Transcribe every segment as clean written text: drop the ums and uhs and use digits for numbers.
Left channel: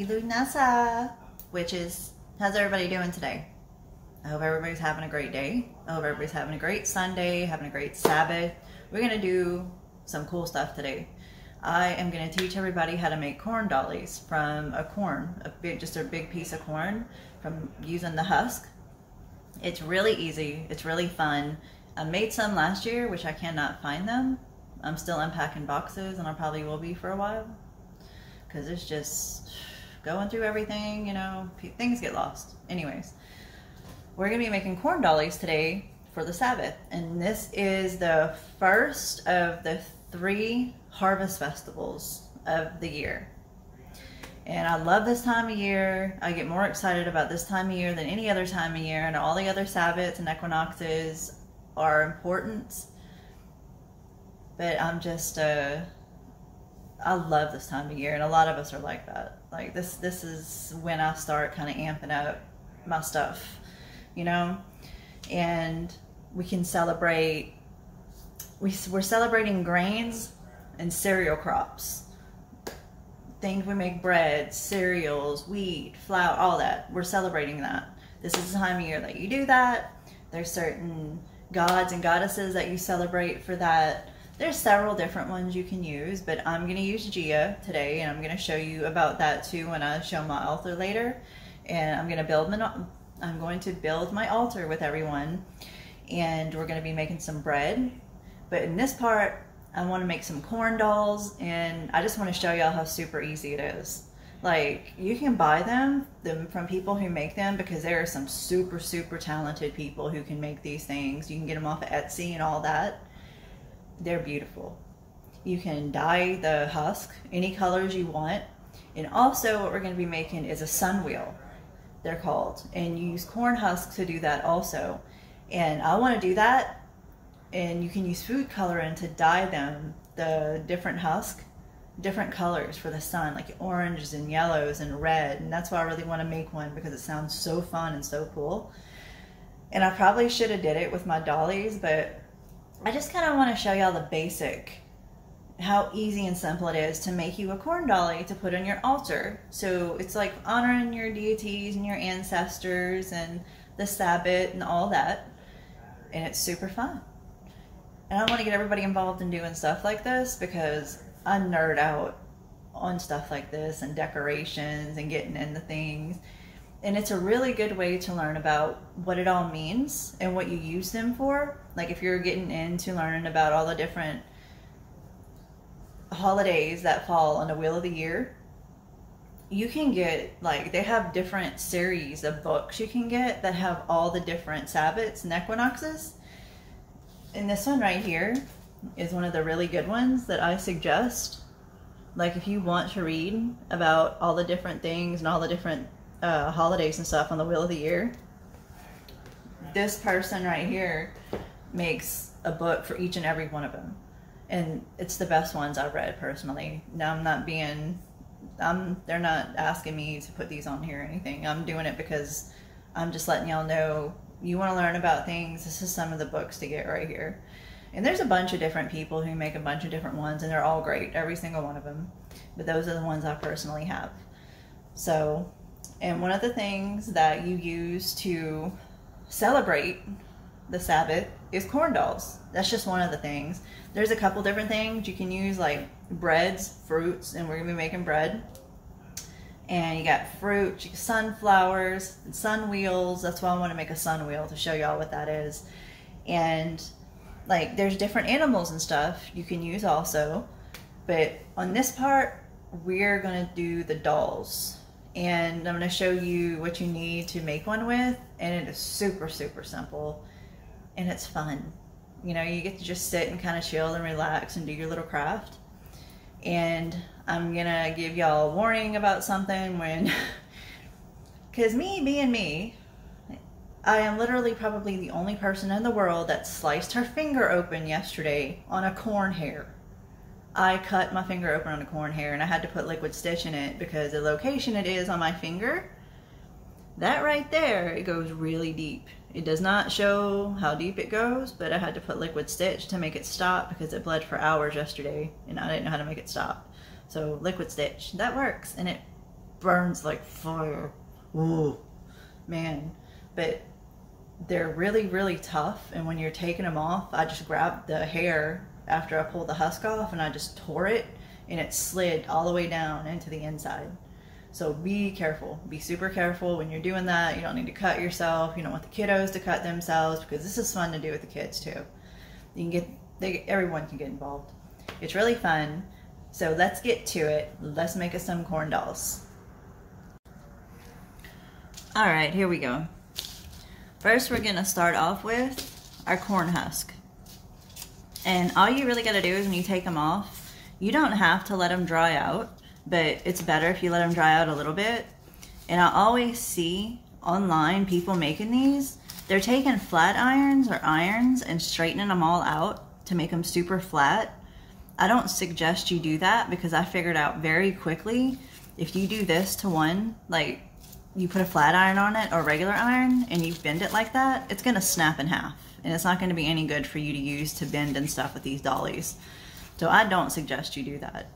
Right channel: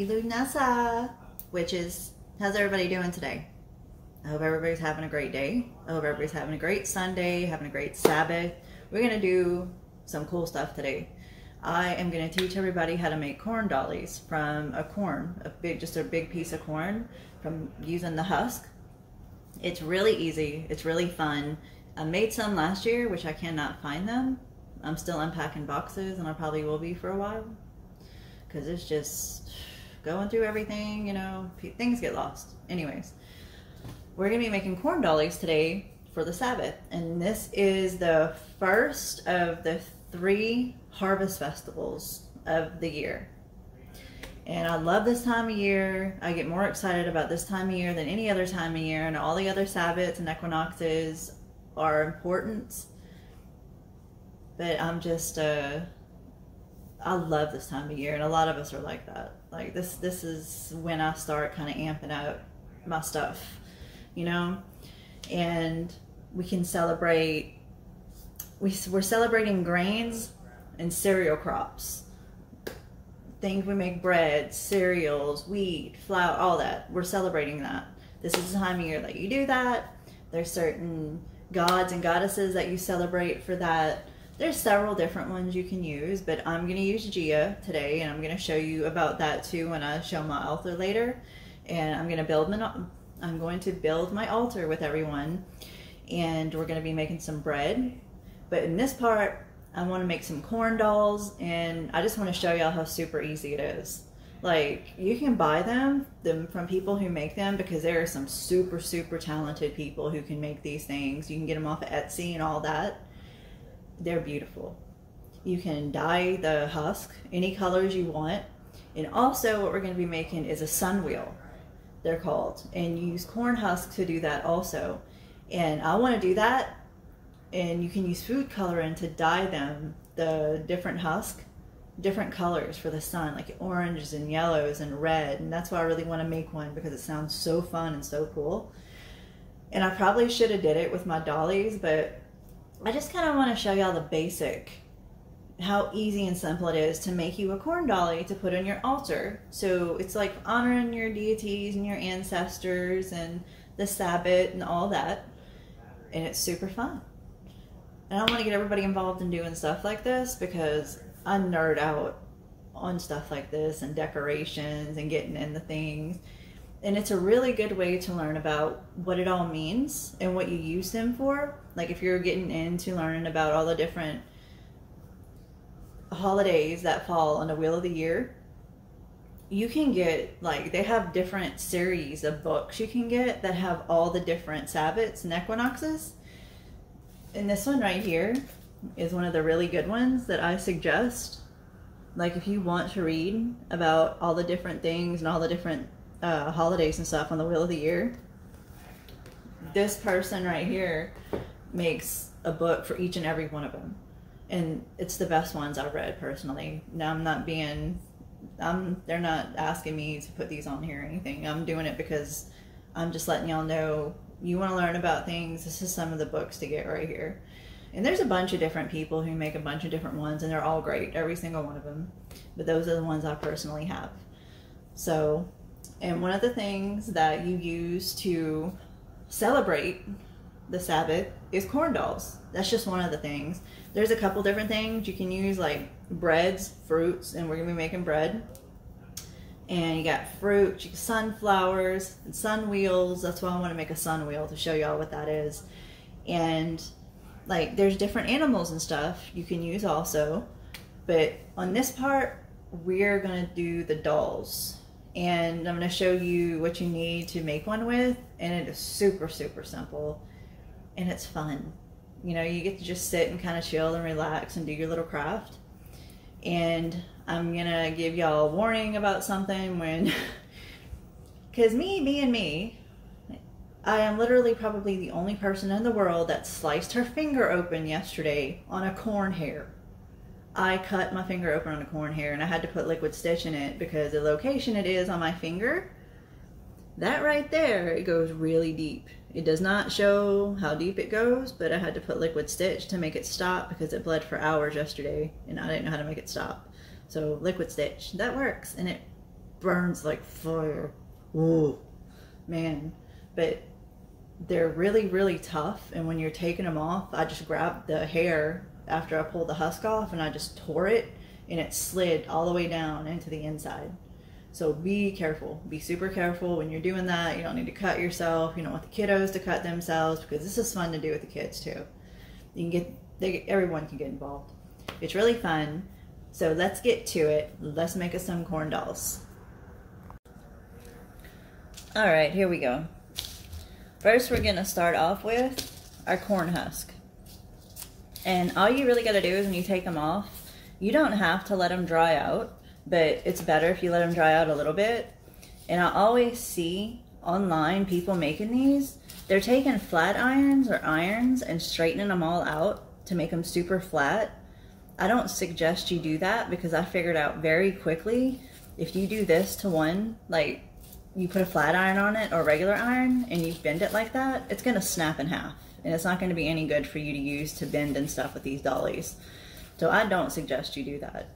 Happy Lughnasadh, how's everybody doing today? I hope everybody's having a great day. I hope everybody's having a great Sunday, having a great Sabbath. We're gonna do some cool stuff today. I am gonna teach everybody how to make corn dollies from a corn, just a big piece of corn, from using the husk. It's really easy, it's really fun. I made some last year, which I cannot find them. I'm still unpacking boxes, and I probably will be for a while, because it's just going through everything, you know, things get lost. Anyways, we're gonna be making corn dollies today for the Sabbath, and this is the first of the 3 harvest festivals of the year. And I love this time of year. I get more excited about this time of year than any other time of year, and all the other Sabbaths and equinoxes are important, but I'm just I love this time of year, and a lot of us are like that. Like this is when I start kind of amping up my stuff, you know. And we can celebrate, we're celebrating grains and cereal crops, things we make: bread, cereals, wheat, flour, all that. We're celebrating that. This is the time of year that you do that. There's certain gods and goddesses that you celebrate for that. There's several different ones you can use, but I'm going to use Gia today, and I'm going to show you about that too when I show my altar later. And I'm going to build my altar with everyone, and we're going to be making some bread. But in this part, I want to make some corn dolls, and I just want to show y'all how super easy it is. Like, you can buy them from people who make them, because there are some super talented people who can make these things. You can get them off of Etsy and all that. They're beautiful. You can dye the husk any colors you want. And also what we're going to be making is a sun wheel, they're called, and you use corn husks to do that also. And I want to do that, and you can use food coloring to dye them, the different husk, different colors for the sun, like oranges and yellows and red. And that's why I really want to make one, because it sounds so fun and so cool. And I probably should have did it with my dollies, but I just kind of want to show y'all the basic, how easy and simple it is to make you a corn dolly to put on your altar. So it's like honoring your deities and your ancestors and the Sabbath and all that. And it's super fun. And I want to get everybody involved in doing stuff like this, because I nerd out on stuff like this and decorations and getting into things. And it's a really good way to learn about what it all means and what you use them for. Like if you're getting into learning about all the different holidays that fall on the wheel of the year, you can get, like, they have different series of books you can get that have all the different Sabbaths and equinoxes. And this one right here is one of the really good ones that I suggest. Like, if you want to read about all the different things and all the different holidays and stuff on the wheel of the year, this person right here makes a book for each and every one of them, and it's the best ones I've read personally. Now, they're not asking me to put these on here or anything. I'm doing it because I'm just letting y'all know, you want to learn about things, this is some of the books to get right here. And there's a bunch of different people who make a bunch of different ones, and they're all great, every single one of them, but those are the ones I personally have. So, and one of the things that you use to celebrate the Sabbath is corn dolls. That's just one of the things. There's a couple different things you can use, like breads, fruits, and we're gonna be making bread. And you got fruit, sunflowers, and sun wheels. That's why I want to make a sun wheel, to show y'all what that is. And like, there's different animals and stuff you can use also. But on this part, we're gonna do the dolls. And I'm going to show you what you need to make one with, and it is super simple, and it's fun. You know, you get to just sit and kind of chill and relax and do your little craft. And I'm going to give y'all a warning about something when, because me being me, I am literally probably the only person in the world that sliced her finger open yesterday on a corn hair. I cut my finger open on a corn hair, and I had to put liquid stitch in it because the location it is on my finger, that right there, it goes really deep. It does not show how deep it goes, but I had to put liquid stitch to make it stop because it bled for hours yesterday, and I didn't know how to make it stop. So liquid stitch, that works, and it burns like fire. Ooh, man. But they're really, really tough. And when you're taking them off, I just grabbed the hair after I pulled the husk off and I just tore it, and it slid all the way down into the inside. So be careful, be super careful when you're doing that. You don't need to cut yourself. You don't want the kiddos to cut themselves, because this is fun to do with the kids too. You can get, everyone can get involved. It's really fun. So let's get to it. Let's make us some corn dolls. All right, here we go. First, we're gonna start off with our corn husk. And all you really gotta do is when you take them off, you don't have to let them dry out, but it's better if you let them dry out a little bit. And I always see online people making these. They're taking flat irons or irons and straightening them all out to make them super flat. I don't suggest you do that, because I figured out very quickly, if you do this to one, like you put a flat iron on it or a regular iron and you bend it like that, it's gonna snap in half. And it's not gonna be any good for you to use to bend and stuff with these dollies. So I don't suggest you do that.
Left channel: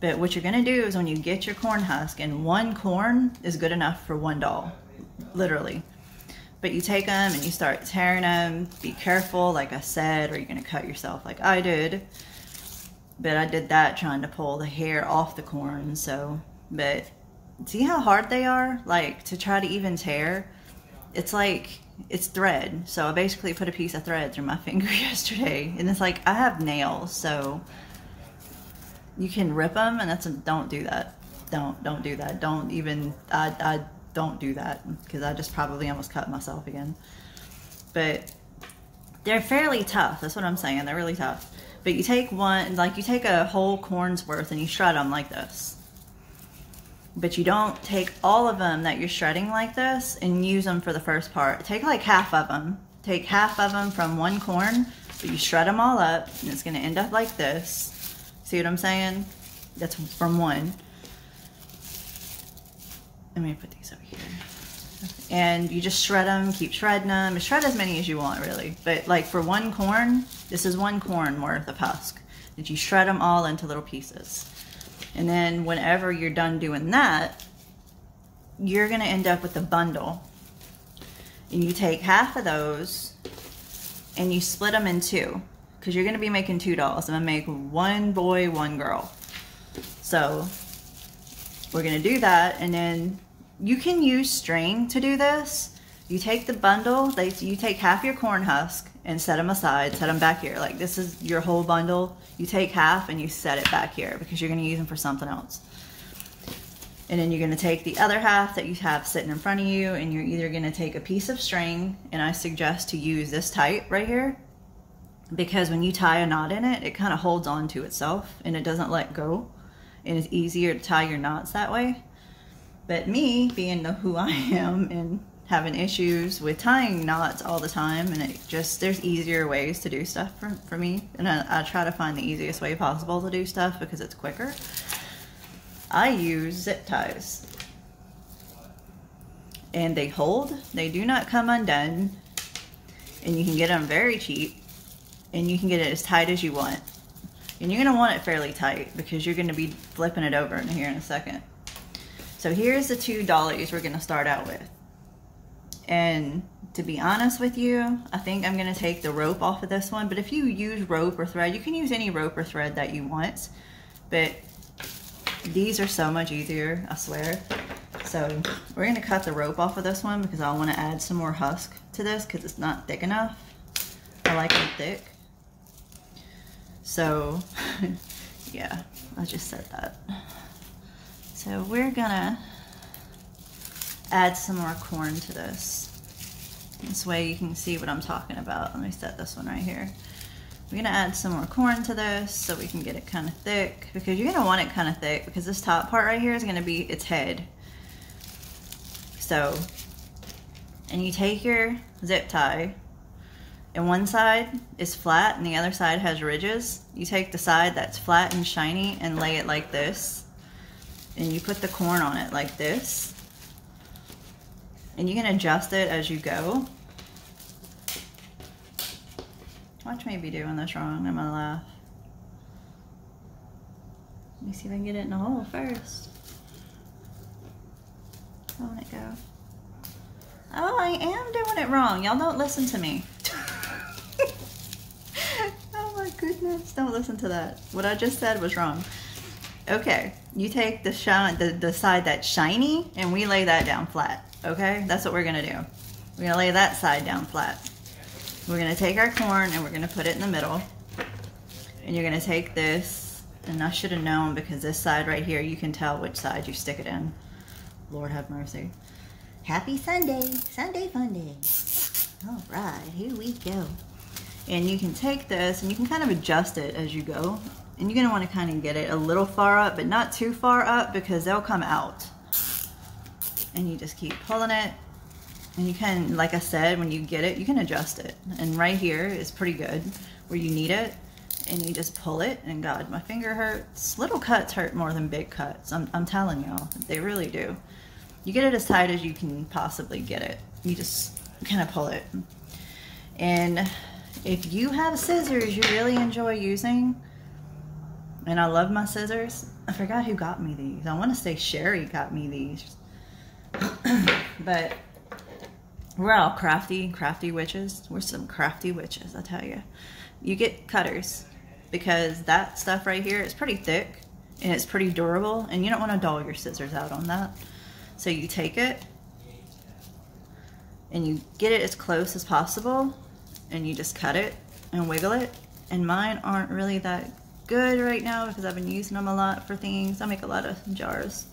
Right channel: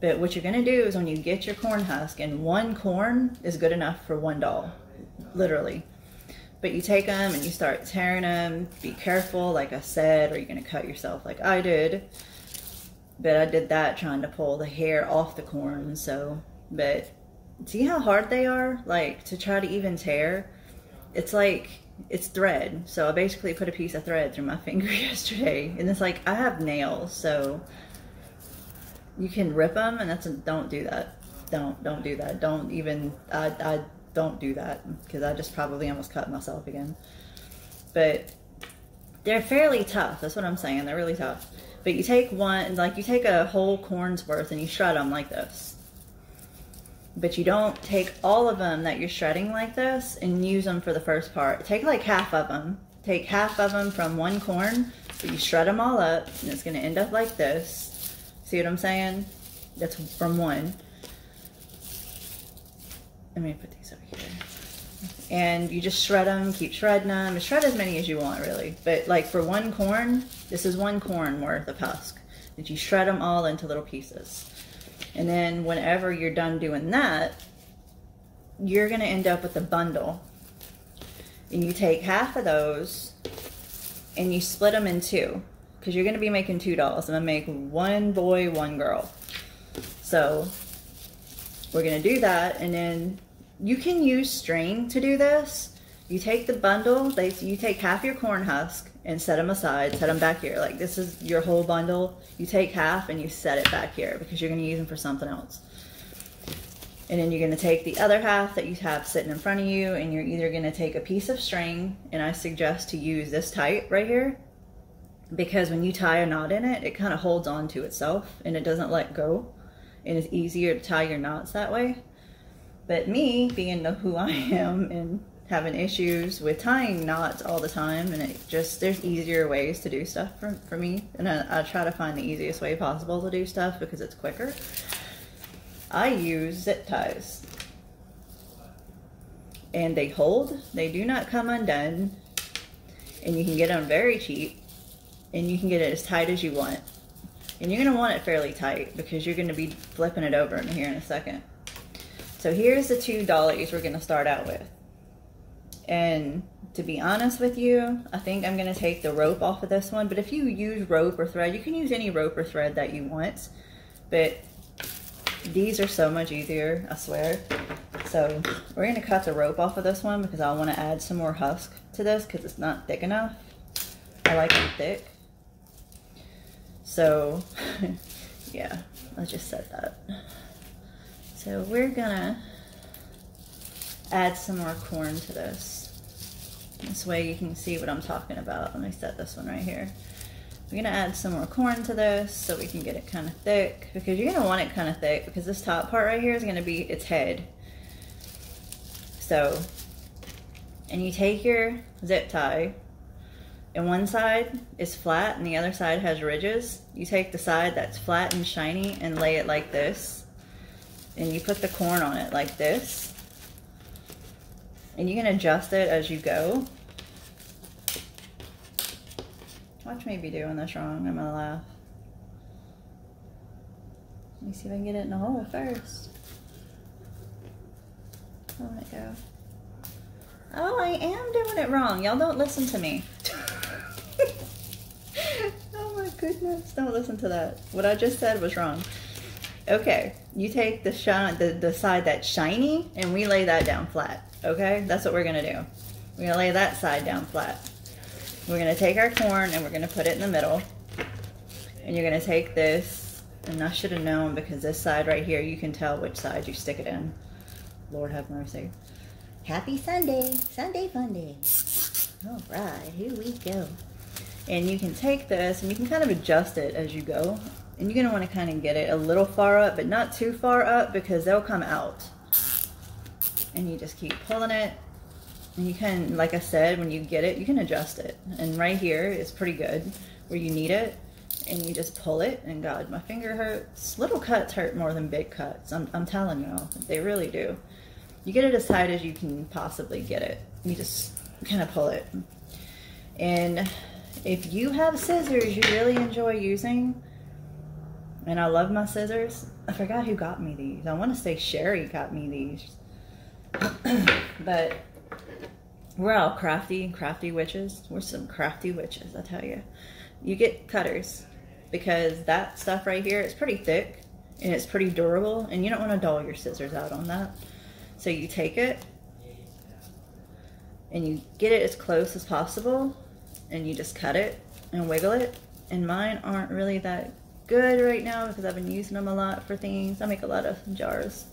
But what you're gonna do is when you get your corn husk, and one corn is good enough for one doll, literally. But you take them and you start tearing them. Be careful, like I said, or you're gonna cut yourself like I did. But I did that trying to pull the hair off the corn, so. But see how hard they are? Like, to try to even tear, it's like, it's thread. So I basically put a piece of thread through my finger yesterday. And it's like, I have nails, so you can rip them, and don't do that. Don't do that. Don't even, I don't do that, because I just probably almost cut myself again. But they're fairly tough. That's what I'm saying. They're really tough. But you take one, like you take a whole corn's worth and you shred them like this. But you don't take all of them that you're shredding like this and use them for the first part. Take like half of them. Take half of them from one corn, but you shred them all up, and it's gonna end up like this. See what I'm saying? That's from one. Let me put these over here. And you just shred them, keep shredding them. Shred as many as you want, really. But like for one corn, this is one corn worth of husk. That you shred them all into little pieces. And then whenever you're done doing that, you're gonna end up with a bundle. And you take half of those and you split them in two, because you're gonna be making two dolls. I'm gonna make one boy, one girl. So we're gonna do that, and then you can use string to do this. You take the bundle, you take half your corn husk and set them aside, set them back here. Like, this is your whole bundle. You take half and you set it back here, because you're gonna use them for something else. And then you're gonna take the other half that you have sitting in front of you, and you're either gonna take a piece of string, and I suggest to use this type right here, because when you tie a knot in it, it kind of holds on to itself and it doesn't let go, and it's easier to tie your knots that way. But me, being who I am and having issues with tying knots all the time, and there's easier ways to do stuff for me, and I try to find the easiest way possible to do stuff because it's quicker. I use zip ties, and they hold, they do not come undone, and you can get them very cheap, and you can get it as tight as you want. And you're gonna want it fairly tight, because you're gonna be flipping it over in here in a second. So here's the two dollies we're gonna start out with. And to be honest with you, I think I'm gonna take the rope off of this one, but if you use rope or thread, you can use any rope or thread that you want, but these are so much easier, I swear. So we're gonna cut the rope off of this one, because I wanna add some more husk to this, because it's not thick enough. I like it thick. So yeah, I just said that. So we're gonna add some more corn to this. This way you can see what I'm talking about. Let me set this one right here. We're gonna add some more corn to this so we can get it kind of thick, because you're gonna want it kind of thick, because this top part right here is gonna be its head. So, and you take your zip tie, and one side is flat and the other side has ridges. You take the side that's flat and shiny and lay it like this, and you put the corn on it like this, and you can adjust it as you go. Watch me be doing this wrong, I'm gonna laugh. Let me see if I can get it in the hole first. Let it go. Oh, I am doing it wrong. Y'all don't listen to me. Oh my goodness, don't listen to that. What I just said was wrong. Okay, you take the side that's shiny and we lay that down flat. Okay, that's what we're gonna do. We're gonna lay that side down flat. We're gonna take our corn and we're gonna put it in the middle. And you're gonna take this, and I should have known because this side right here, you can tell which side you stick it in. Lord have mercy. Happy Sunday, Sunday fun day. All right, here we go. And you can take this and you can kind of adjust it as you go. And you're gonna wanna kind of get it a little far up, but not too far up because they'll come out. And you just keep pulling it. And you can, like I said, when you get it, you can adjust it. And right here is pretty good where you need it. And you just pull it, and God, my finger hurts. Little cuts hurt more than big cuts. I'm telling y'all, they really do. You get it as tight as you can possibly get it. You just kind of pull it. And if you have scissors you really enjoy using, and I love my scissors. I forgot who got me these. I want to say Sherry got me these. But we're all crafty witches. We're some crafty witches, I tell you. You get cutters because that stuff right here is pretty thick and it's pretty durable, and you don't want to dull your scissors out on that. So you take it and you get it as close as possible and you just cut it and wiggle it. And mine aren't really that good right now because I've been using them a lot for things. I make a lot of jars.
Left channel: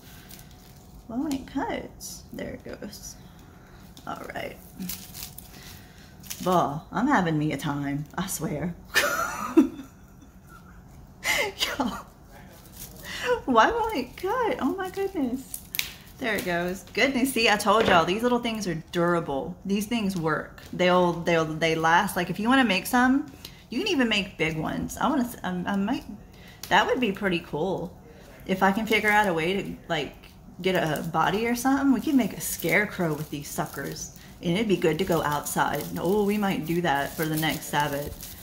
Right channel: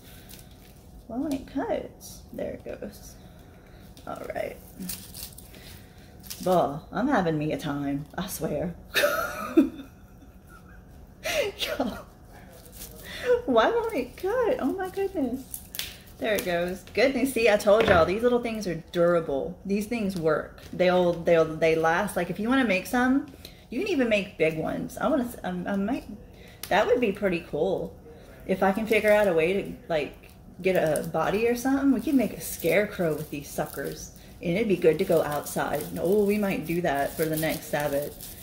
Oh, it cuts. There it goes. All right. Well, I'm having me a time, I swear. Y'all, why won't it cut? Oh my goodness. There it goes. Goodness, see, I told y'all these little things are durable. These things work. They last. Like if you want to make some, you can even make big ones. I might. That would be pretty cool. If I can figure out a way to like get a body or something, we can make a scarecrow with these suckers. And it'd be good to go outside. Oh, we might do that for the next Sabbath.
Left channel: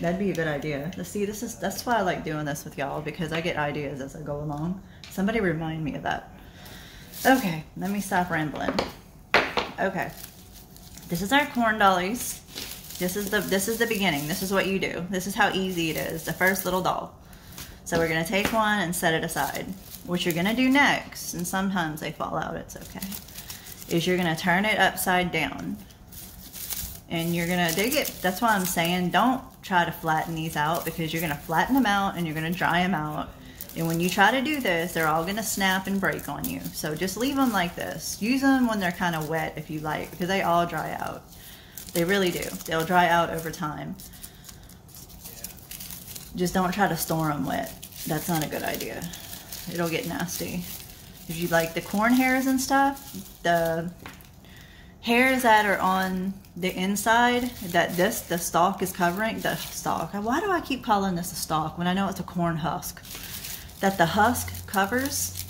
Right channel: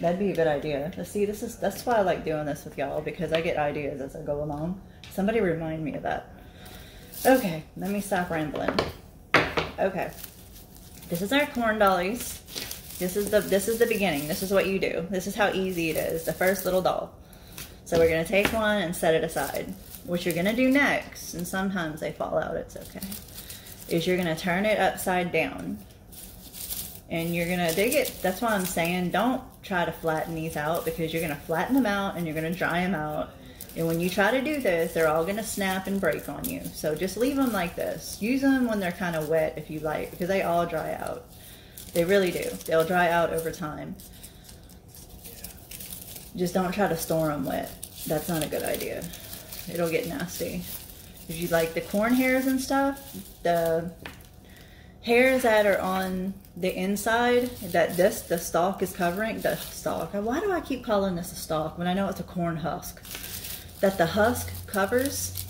That'd be a good idea. Let's see, that's why I like doing this with y'all, because I get ideas as I go along. Somebody remind me of that. Okay, let me stop rambling. Okay, this is our corn dollies. This is the beginning. This is what you do. This is how easy it is. The first little doll. So we're gonna take one and set it aside. What you're gonna do next, and sometimes they fall out, it's okay, is you're gonna turn it upside down. And you're gonna dig it. That's why I'm saying don't try to flatten these out, because you're gonna flatten them out and you're gonna dry them out. And when you try to do this, they're all gonna snap and break on you. So just leave them like this. Use them when they're kind of wet if you like, because they all dry out. They really do. They'll dry out over time. Just don't try to store them wet. That's not a good idea. It'll get nasty. If you like the corn hairs and stuff, the hairs that are on the inside that the stalk is covering, the stalk. Why do I keep calling this a stalk when I know it's a corn husk? That the husk covers,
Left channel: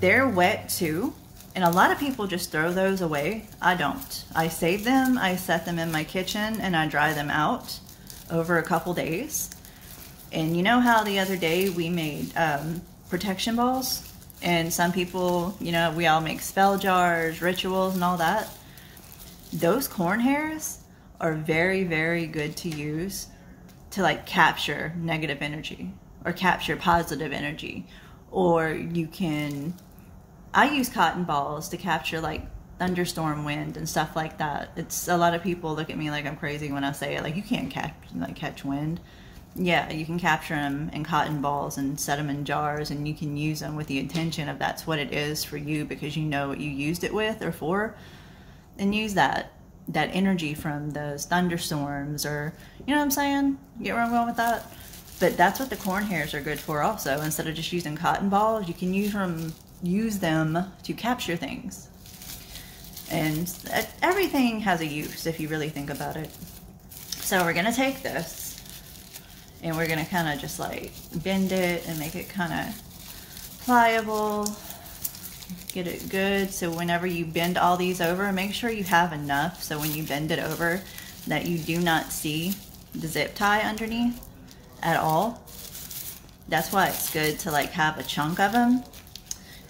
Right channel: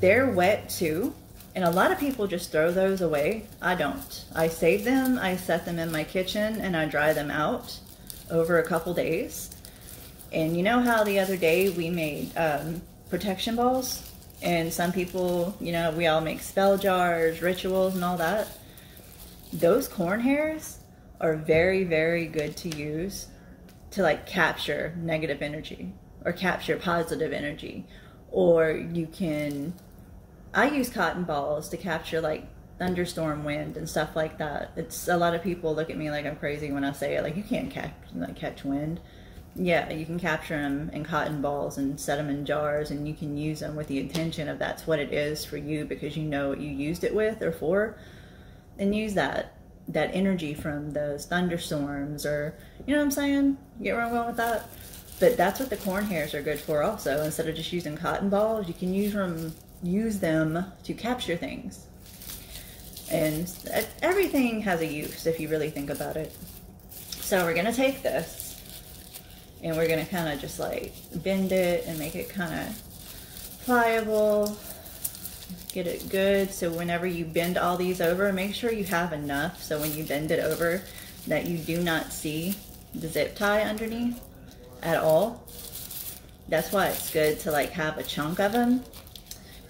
they're wet too. And a lot of people just throw those away. I don't. I save them, I set them in my kitchen, and I dry them out over a couple days. And you know how the other day we made protection balls? And some people, you know, we all make spell jars, rituals, and all that. Those corn hairs are very, very good to use to like capture negative energy or capture positive energy. Or you can, I use cotton balls to capture like thunderstorm wind and stuff like that. It's a lot of people look at me like I'm crazy when I say it, like you can't catch wind. Yeah, you can capture them in cotton balls and set them in jars, and you can use them with the intention of that's what it is for you, because you know what you used it with or for, and use that energy from those thunderstorms, or you know what I'm saying? Get where I'm going with that? But that's what the corn hairs are good for also. Instead of just using cotton balls, you can use them to capture things. And everything has a use if you really think about it. So we're gonna take this and we're gonna kind of just like bend it and make it kind of pliable. Get it good. So whenever you bend all these over, make sure you have enough so when you bend it over that you do not see the zip tie underneath at all. That's why it's good to like have a chunk of them.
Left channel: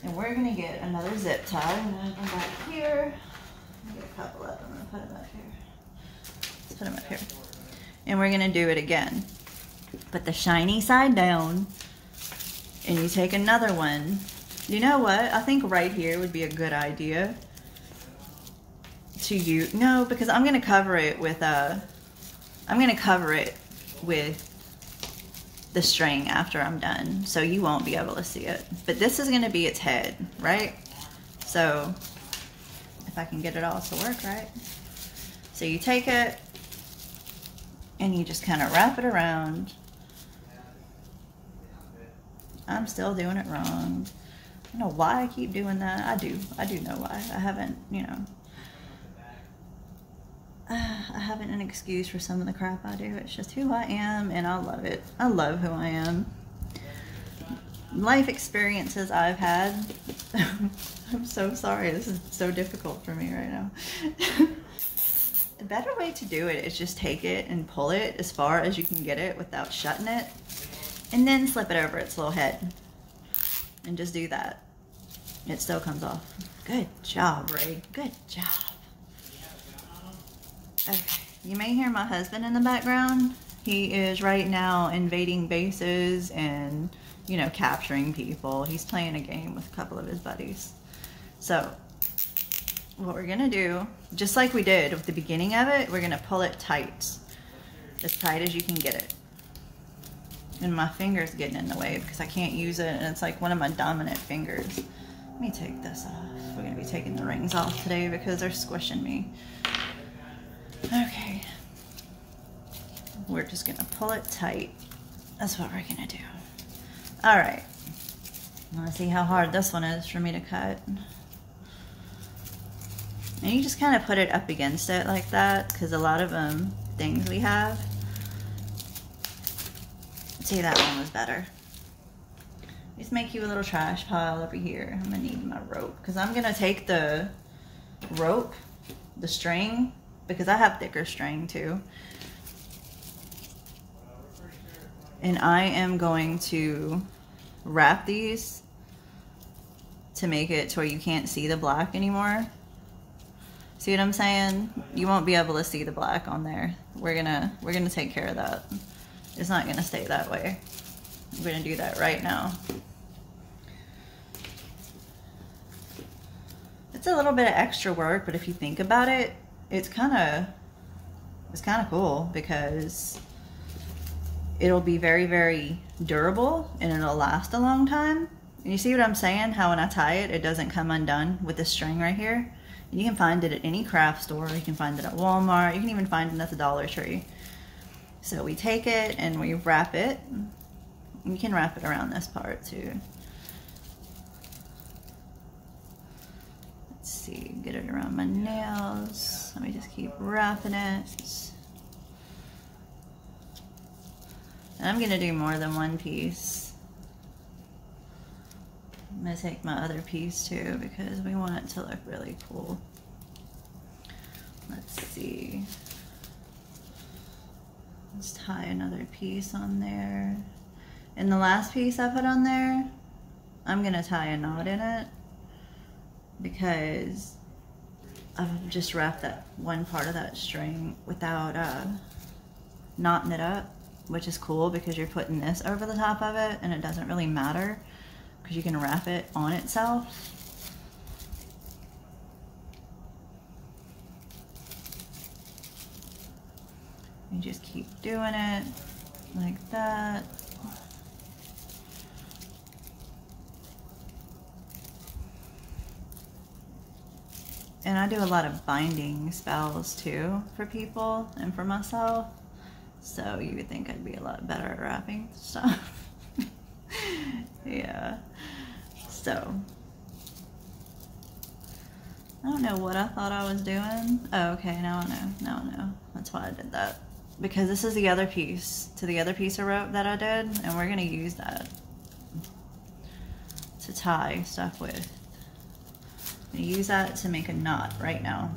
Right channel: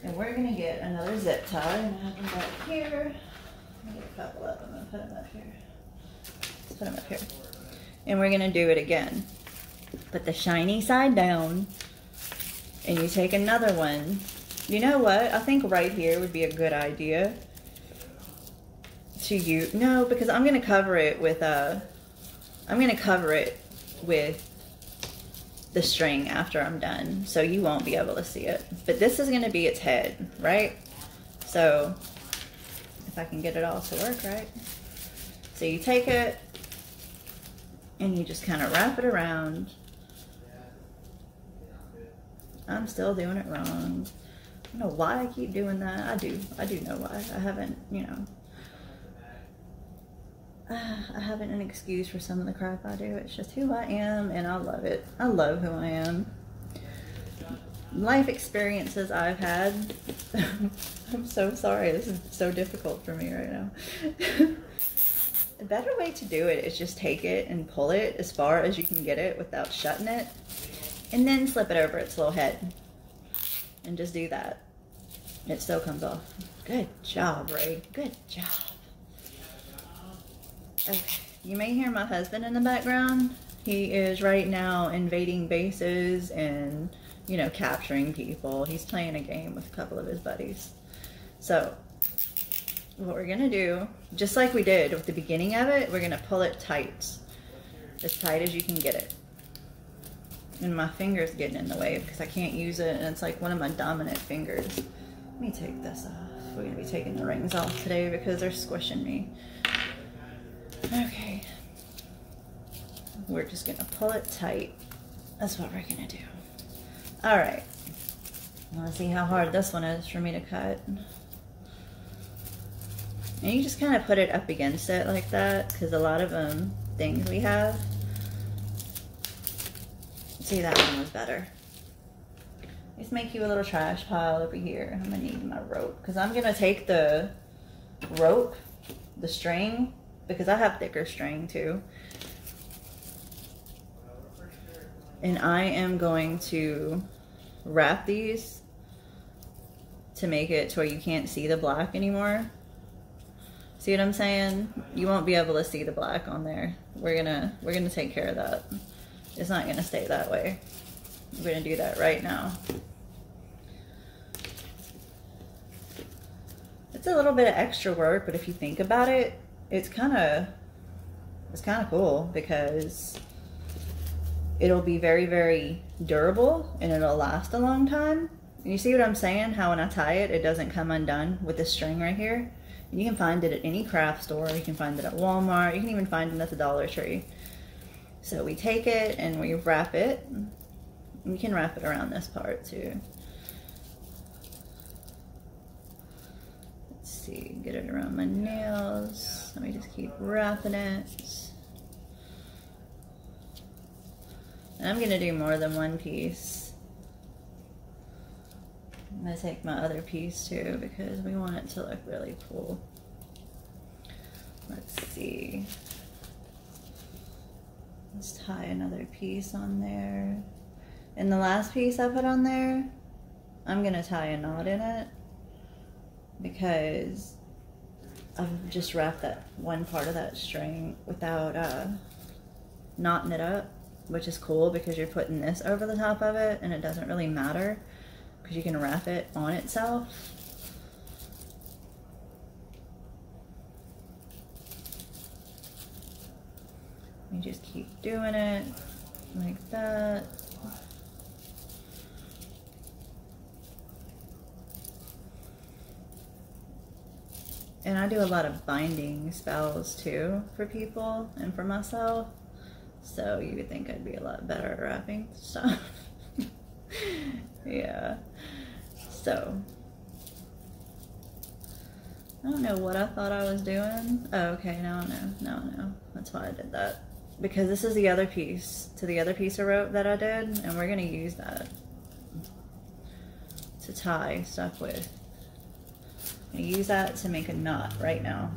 And we're gonna get another zip tie. I'm gonna have them back here. I'm gonna get a couple of them and put them up here. Let's put them up here. And we're gonna do it again. Put the shiny side down, and you take another one. You know what? I think right here would be a good idea to use. No, because I'm gonna cover it with the string after I'm done, so you won't be able to see it. But this is gonna be its head, right? So if I can get it all to work right. So you take it and you just kind of wrap it around. I'm still doing it wrong. I don't know why I keep doing that. I do know why. I haven't, you know, I haven't an excuse for some of the crap I do. It's just who I am, and I love it. I love who I am. Life experiences I've had. I'm so sorry. This is so difficult for me right now. A better way to do it is just take it and pull it as far as you can get it without shutting it, and then slip it over its little head. And just do that. It still comes off. Good job, Ray. Good job. Okay, you may hear my husband in the background. He is right now invading bases and, you know, capturing people. He's playing a game with a couple of his buddies. So, what we're gonna do, just like we did with the beginning of it, we're gonna pull it tight. As tight as you can get it. And my finger's getting in the way because I can't use it, and it's like one of my dominant fingers. Let me take this off. We're gonna be taking the rings off today because they're squishing me. Okay, we're just gonna pull it tight. That's what we're gonna do. All right, let's see how hard this one is for me to cut. And you just kind of put it up against it like that, because a lot of things we have. See, that one was better. Just make you a little trash pile over here. I'm gonna need my rope, because I'm gonna take the rope, the string, because I have thicker string too. And I am going to wrap these to make it to where you can't see the black anymore. See what I'm saying? You won't be able to see the black on there. We're gonna take care of that. It's not gonna stay that way. We're gonna do that right now. It's a little bit of extra work, but if you think about it, it's kind of cool, because it'll be very, very durable and it'll last a long time. And you see what I'm saying? How when I tie it, it doesn't come undone with this string right here. And you can find it at any craft store. You can find it at Walmart. You can even find it at the Dollar Tree. So we take it and we wrap it. You can wrap it around this part too. Let's see, get it around my nails. Let me just keep wrapping it. And I'm gonna do more than one piece. I'm gonna take my other piece too, because we want it to look really cool. Let's see. Let's tie another piece on there. And the last piece I put on there, I'm gonna tie a knot in it, because I've just wrapped that one part of that string without knotting it up, which is cool because you're putting this over the top of it and it doesn't really matter because you can wrap it on itself. You just keep doing it like that. And I do a lot of binding spells too for people and for myself. So you would think I'd be a lot better at wrapping stuff. Yeah. So I don't know what I thought I was doing. Oh, okay, now I know. Now I know. That's why I did that. Because this is the other piece to the other piece of rope that I did, and we're gonna use that to tie stuff with. I use that to make a knot right now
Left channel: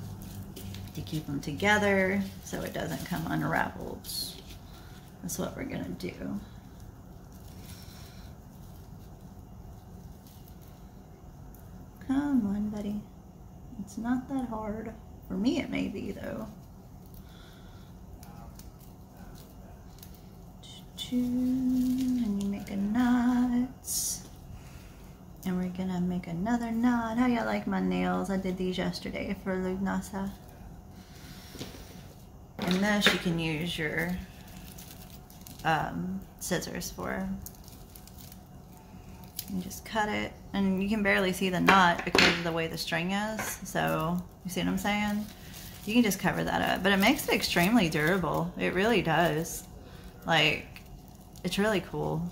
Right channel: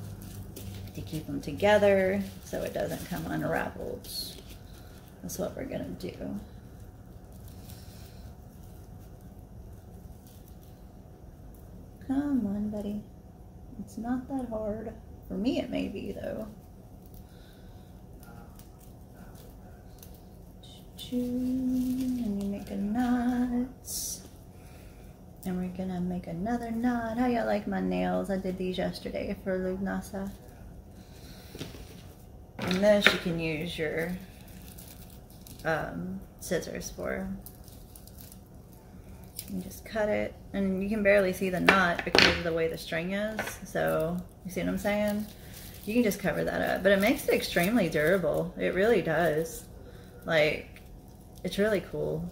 to keep them together so it doesn't come unraveled. That's what we're gonna do. Come on, buddy. It's not that hard. For me, it may be, though. And you make a knot. And we're gonna make another knot. How y'all like my nails? I did these yesterday for Lughnasadh. And this you can use your scissors for. You just cut it, and you can barely see the knot because of the way the string is. So you see what I'm saying? You can just cover that up, but it makes it extremely durable. It really does. Like, it's really cool.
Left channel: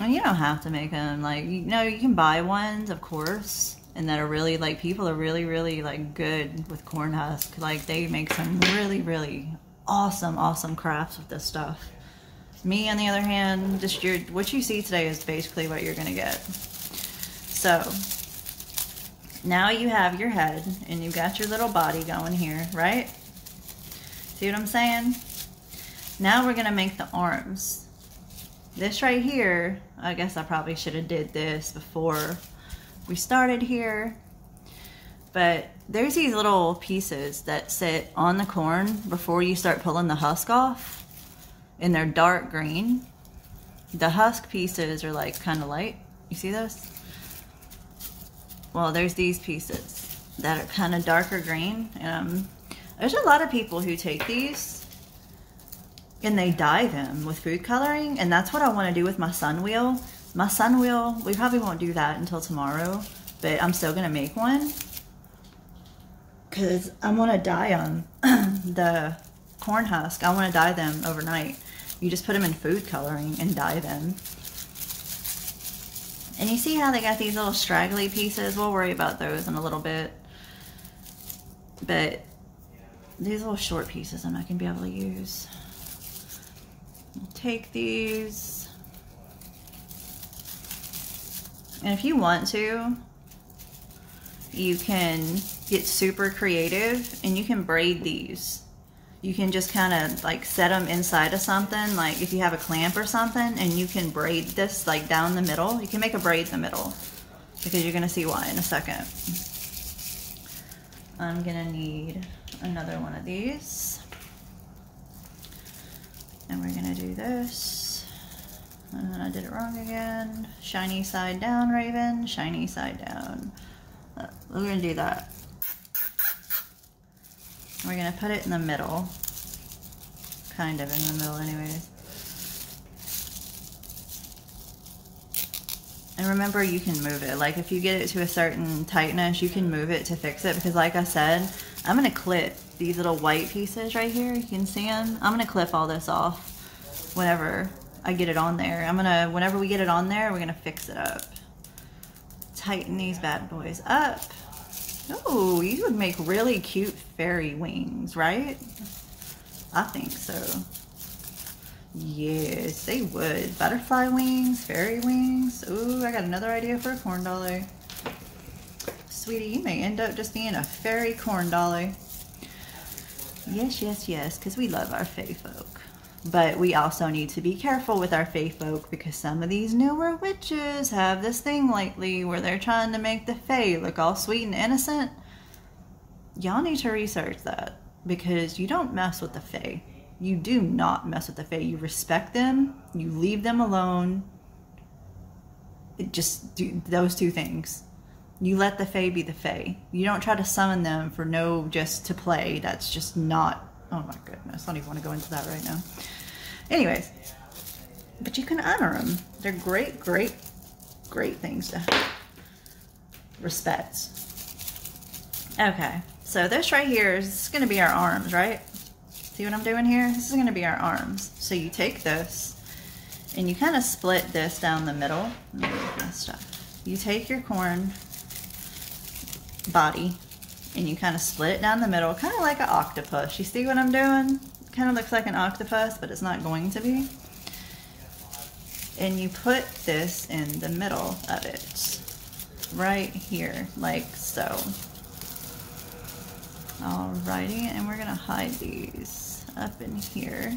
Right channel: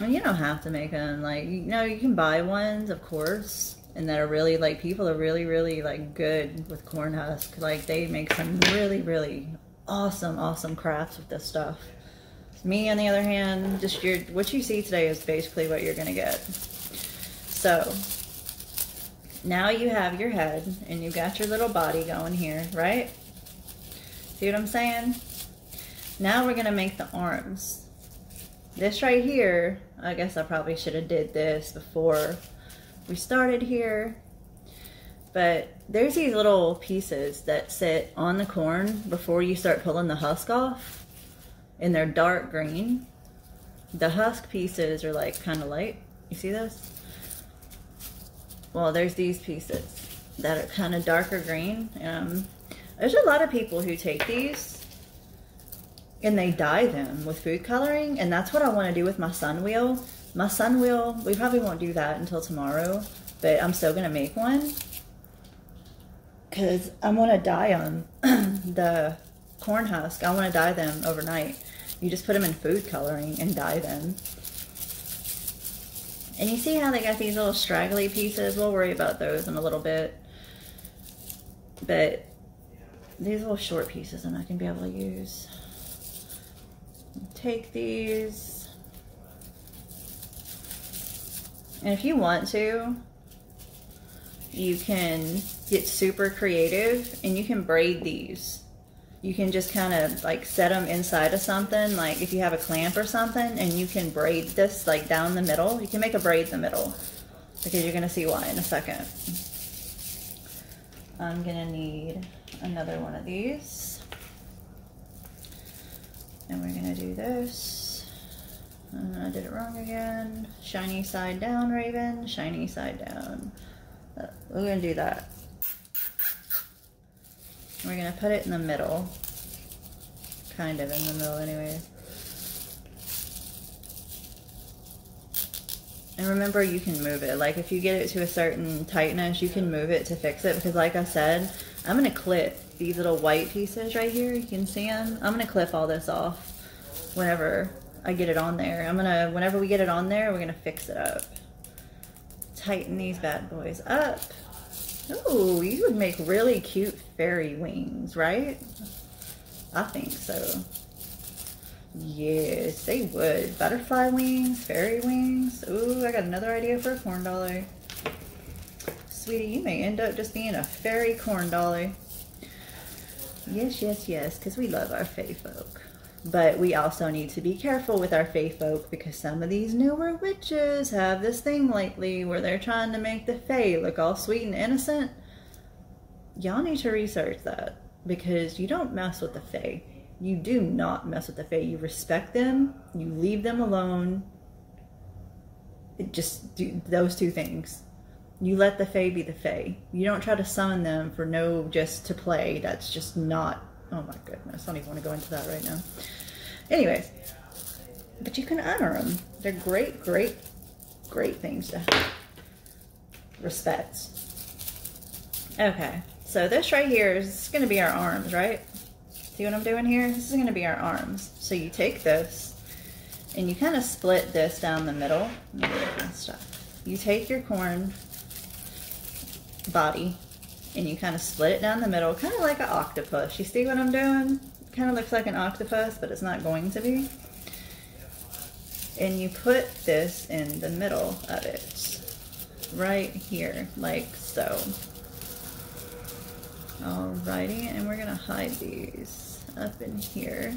And you don't have to make them, like, you know, you can buy ones, of course, and that are really, like, people are really, really, like, good with corn husk. Like, they make some really, really awesome crafts with this stuff. Me, on the other hand, just what you see today is basically what you're gonna get. So, now you have your head, and you've got your little body going here, right? See what I'm saying? Now we're gonna make the arms. This right here, I guess I probably should have did this before we started here, but there's these little pieces that sit on the corn before you start pulling the husk off, and they're dark green. The husk pieces are like kind of light. You see those? Well, there's these pieces that are kind of darker green. There's a lot of people who take these and they dye them with food coloring, and that's what I want to do with my sun wheel. My sun wheel, we probably won't do that until tomorrow, but I'm still going to make one because I want to dye them. The corn husk, I want to dye them overnight. You just put them in food coloring and dye them. And you see how they got these little straggly pieces? We'll worry about those in a little bit. But these little short pieces I'm not going to be able to use. Take these, and if you want to, you can get super creative and you can braid these. You can just kind of like set them inside of something, like if you have a clamp or something, and you can braid this like down the middle. You can make a braid in the middle because you're gonna see why in a second. I'm gonna need another one of these. And we're gonna do this. I did it wrong again. Shiny side down, Raven. Shiny side down. We're gonna do that. We're gonna put it in the middle. Kind of in the middle anyways. And remember, you can move it. Like if you get it to a certain tightness, you can move it to fix it. Because like I said, I'm gonna clip these little white pieces right here. You can see them. I'm gonna clip all this off whenever I get it on there. Whenever we get it on there, we're gonna fix it up. Tighten these bad boys up. Oh, these would make really cute fairy wings, right? I think so. Yes, they would. Butterfly wings, fairy wings. Ooh, I got another idea for a corn dolly. Sweetie, you may end up just being a fairy corn dolly. Yes, yes, yes, because we love our fae folk. But we also need to be careful with our fae folk because some of these newer witches have this thing lately where they're trying to make the fae look all sweet and innocent. Y'all need to research that because you don't mess with the fae. You do not mess with the fae. You respect them. You leave them alone. Just do those two things. You let the fae be the fae. You don't try to summon them for just to play. That's just not, oh my goodness. I don't even want to go into that right now. Anyways, but you can honor them. They're great, great, great things to respect. Okay, so this right here is going to be our arms, right? See what I'm doing here? This is going to be our arms. So you take this and you kind of split this down the middle. You take your corn body and you kind of split it down the middle, kind of like an octopus. You see what I'm doing? Kind of looks like an octopus, but it's not going to be. And you put this in the middle of it, right here, like so. Alrighty, and we're gonna hide these up in here.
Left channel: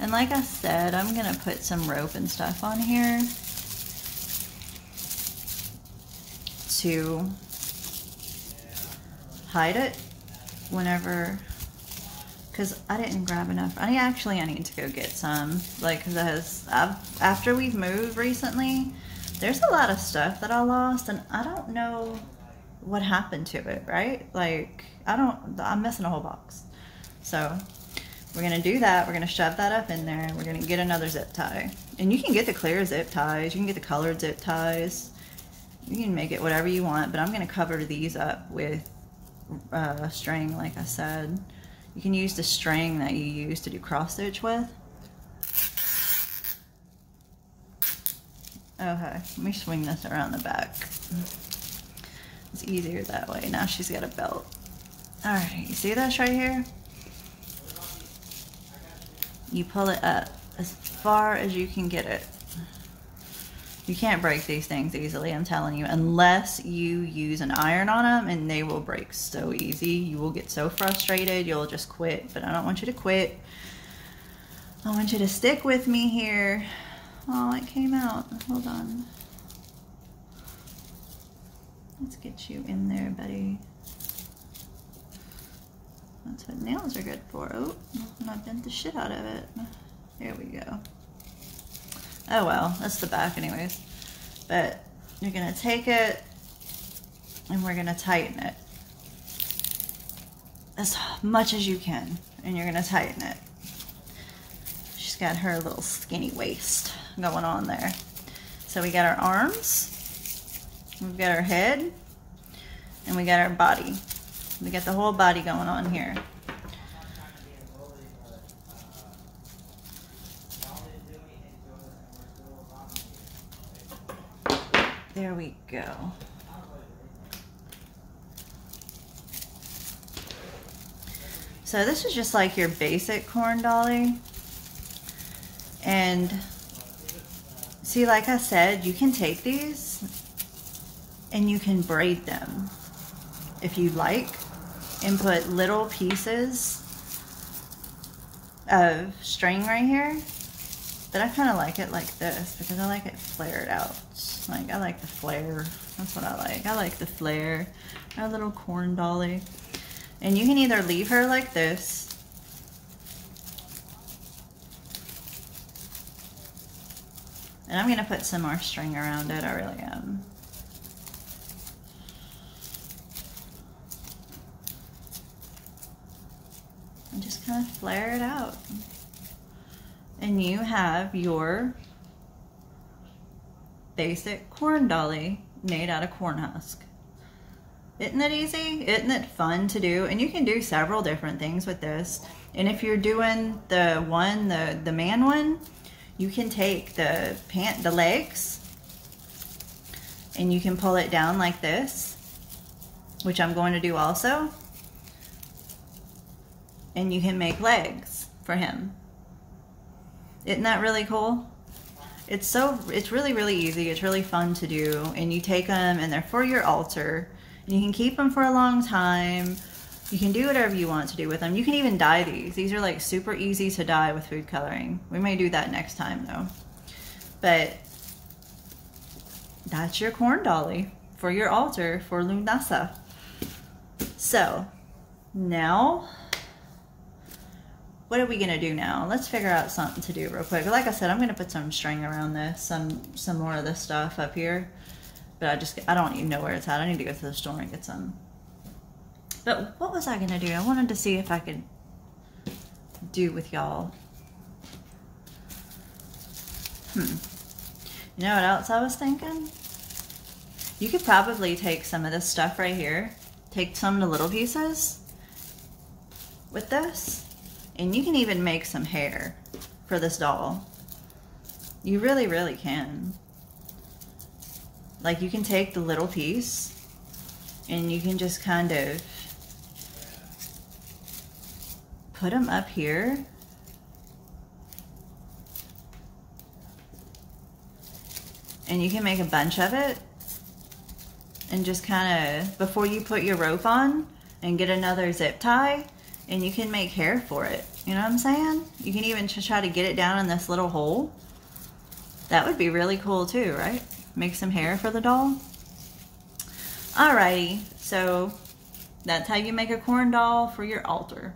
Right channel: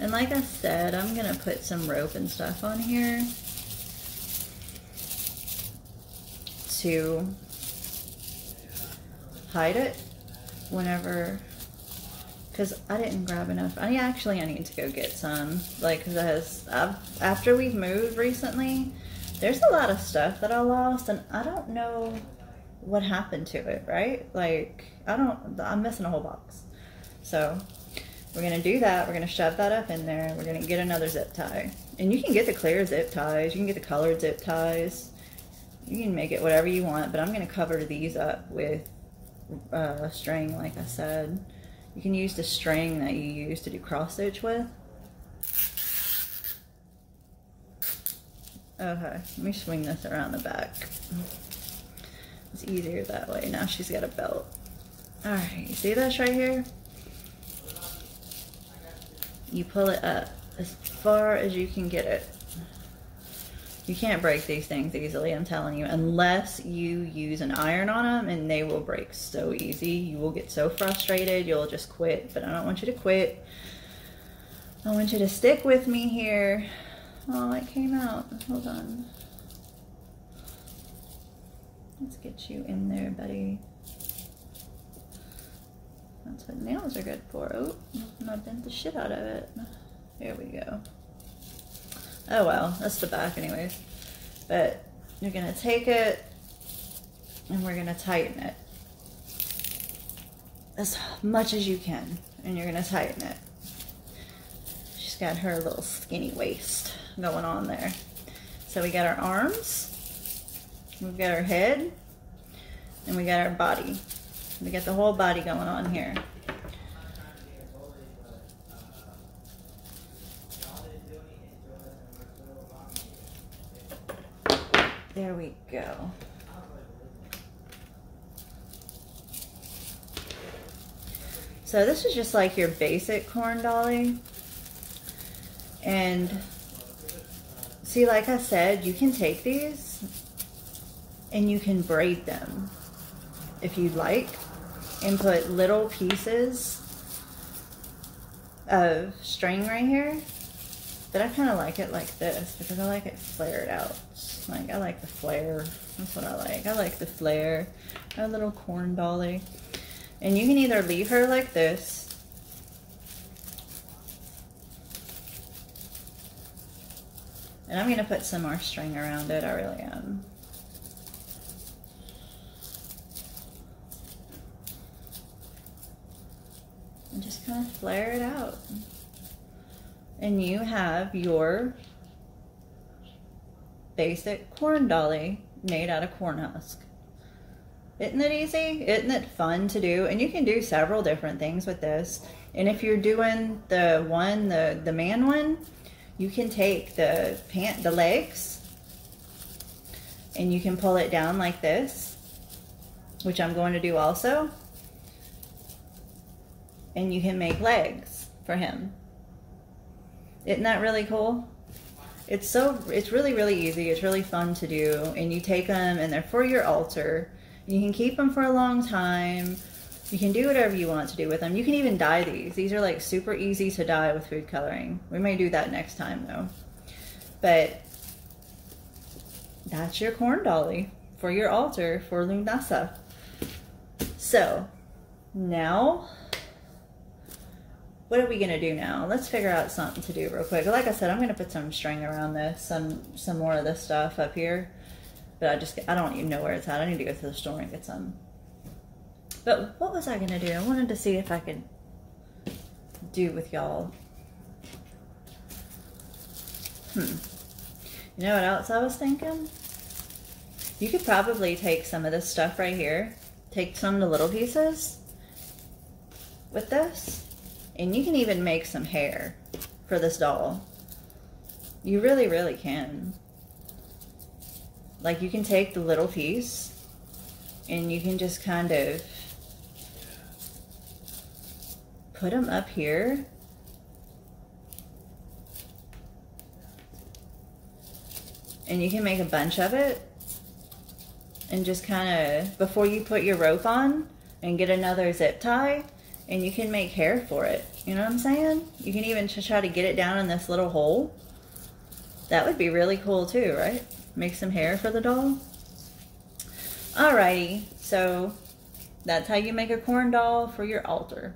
And like I said, I'm gonna put some rope and stuff on here to hide it whenever, because I didn't grab enough. I need to go get some, like, because after we've moved recently, there's a lot of stuff that I lost, and I don't know what happened to it, right? Like, I'm missing a whole box. So we're gonna do that. We're gonna shove that up in there. We're gonna get another zip tie. And you can get the clear zip ties. You can get the colored zip ties. You can make it whatever you want, but I'm gonna cover these up with string, like I said. You can use the string that you use to do cross stitch with. Okay, let me swing this around the back. It's easier that way. Now she's got a belt. All right, you see this right here? You pull it up as far as you can get it. You can't break these things easily, I'm telling you, unless you use an iron on them, and they will break so easy. You will get so frustrated, you'll just quit. But I don't want you to quit. I want you to stick with me here. Oh, it came out. Hold on. Let's get you in there, buddy. That's what nails are good for. Oh, and I bent the shit out of it. Here we go. Oh well, that's the back anyways. But you're gonna take it and we're gonna tighten it as much as you can, and you're gonna tighten it. She's got her little skinny waist going on there. So we got our arms, we've got our head, and we got our body. We got the whole body going on here. There we go. So this is just like your basic corn dolly. And see, like I said, you can take these and you can braid them if you like, and put little pieces of string right here. But I kind of like it like this because I like it flared out. Like, I like the flare. That's what I like. I like the flare. Our little corn dolly. And you can either leave her like this, and I'm going to put some more string around it. I really am. And just kind of flare it out. And you have your basic corn dolly made out of corn husk. Isn't it easy? Isn't it fun to do? And you can do several different things with this. And if you're doing the man one, you can take the legs and you can pull it down like this, which I'm going to do also. And you can make legs for him. Isn't that really cool? It's really, really easy. It's really fun to do. And you take them and they're for your altar. And you can keep them for a long time. You can do whatever you want to do with them. You can even dye these. These are like super easy to dye with food coloring. We may do that next time though. But that's your corn dolly for your altar for Lughnasadh. So now, what are we gonna do now? Let's figure out something to do real quick. Like I said, I'm gonna put some string around this, some more of this stuff up here. But I don't even know where it's at. I need to go to the store and get some. But what was I gonna do? I wanted to see if I could do with y'all. You know what else I was thinking? You could probably take some of this stuff right here, take some of the little pieces with this, and you can even make some hair for this doll. You really, really can. Like, you can take the little piece and you can just kind of put them up here. And you can make a bunch of it and just kind of, before you put your rope on and get another zip tie, And you can make hair for it. You know what I'm saying? You can even try to get it down in this little hole. That would be really cool too, right? Make some hair for the doll. Alrighty, so that's how you make a corn doll for your altar.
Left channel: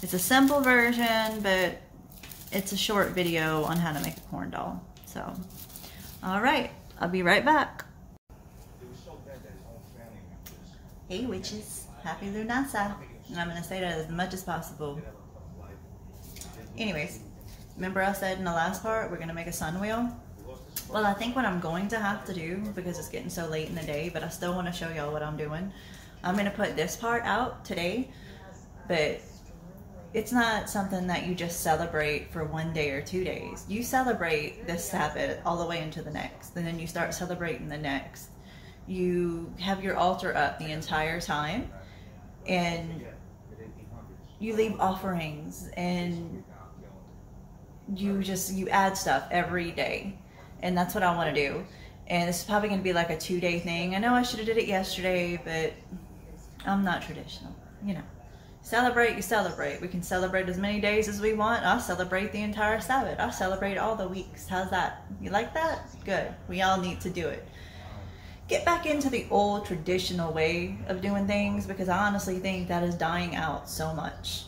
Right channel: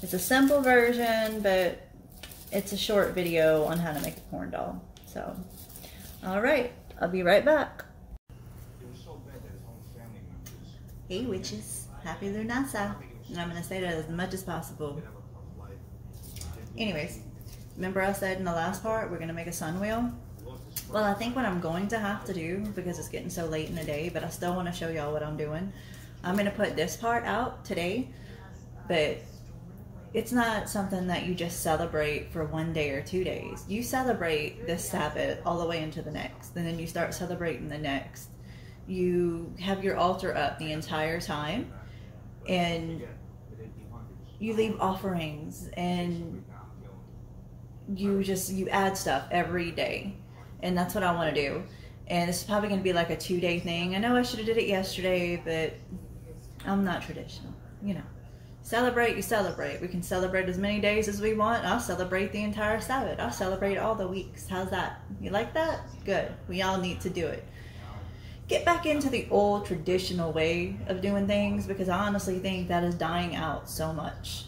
It's a simple version, but it's a short video on how to make a corn doll. So, alright, I'll be right back. Hey witches, happy Lughnasadh. And I'm going to say that as much as possible. Anyways, remember I said in the last part, we're going to make a sun wheel? Well, I think what I'm going to have to do, because it's getting so late in the day, but I still want to show y'all what I'm doing. I'm going to put this part out today, but it's not something that you just celebrate for 1 day or 2 days. You celebrate this Sabbath all the way into the next, and then you start celebrating the next. You have your altar up the entire time, and you leave offerings, and you add stuff every day. And that's what I want to do. And it's probably going to be like a 2-day thing. I know I should have did it yesterday, but I'm not traditional. You know, celebrate, you celebrate. We can celebrate as many days as we want. I'll celebrate the entire Sabbath. I'll celebrate all the weeks. How's that? You like that? Good. We all need to do it. Get back into the old traditional way of doing things, because I honestly think that is dying out so much.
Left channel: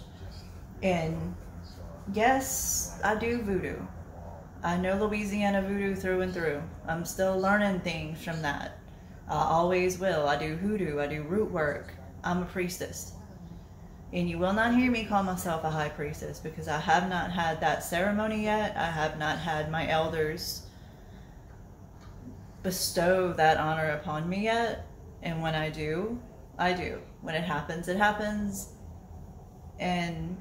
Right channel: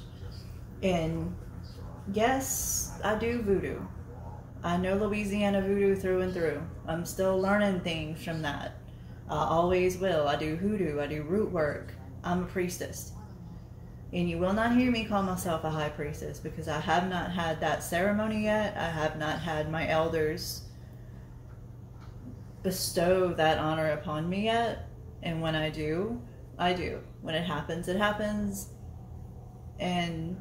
And yes, I do voodoo. I know Louisiana voodoo through and through. I'm still learning things from that. I always will. I do hoodoo. I do root work. I'm a priestess. And you will not hear me call myself a high priestess, because I have not had that ceremony yet. I have not had my elders bestow that honor upon me yet. And when I do, I do. When it happens, it happens. And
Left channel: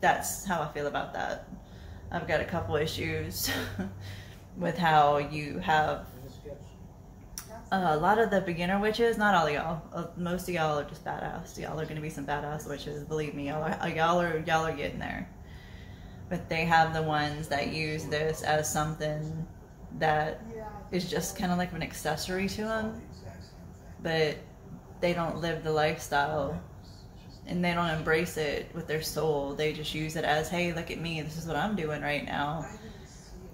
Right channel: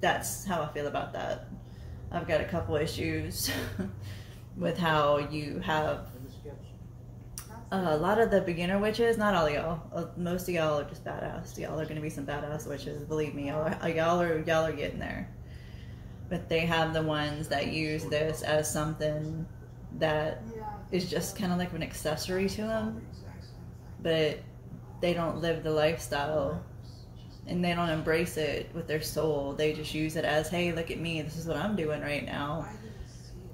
that's how I feel about that. I've got a couple issues with how you have a lot of the beginner witches, not all of y'all, most of y'all are just badass. Y'all are going to be some badass witches, believe me. Y'all are getting there. But they have the ones that use this as something that is just kind of like an accessory to them, but they don't live the lifestyle. And they don't embrace it with their soul. They just use it as, hey, look at me, this is what I'm doing right now.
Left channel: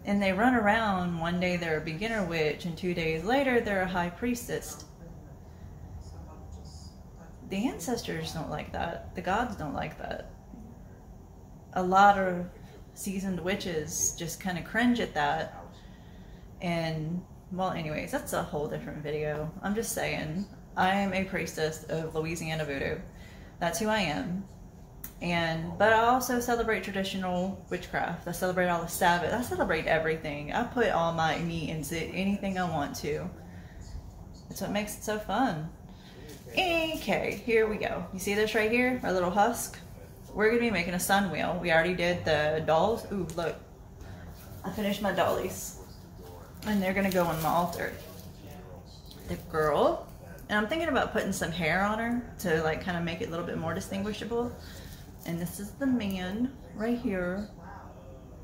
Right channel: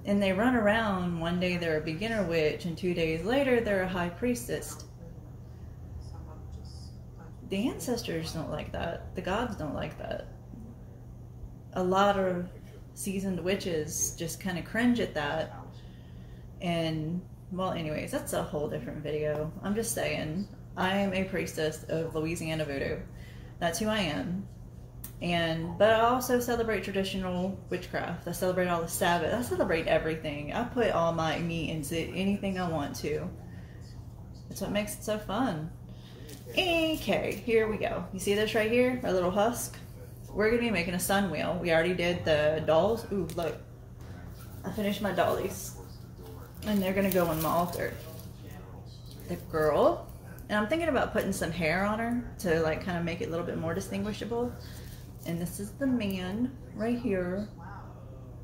And they run around, one day they're a beginner witch, and 2 days later they're a high priestess. The ancestors don't like that. The gods don't like that. A lot of seasoned witches just kind of cringe at that. And, well, anyways, that's a whole different video. I'm just saying, I am a priestess of Louisiana voodoo. That's who I am. But I also celebrate traditional witchcraft. I celebrate all the Sabbath. I celebrate everything. I put all my meat into anything I want to. That's what makes it so fun. Okay, here we go. You see this right here? Our little husk? We're going to be making a sun wheel. We already did the dolls. Ooh, look. I finished my dollies. And they're going to go on my altar. The girl. And I'm thinking about putting some hair on her to like kind of make it a little bit more distinguishable. And this is the man right here.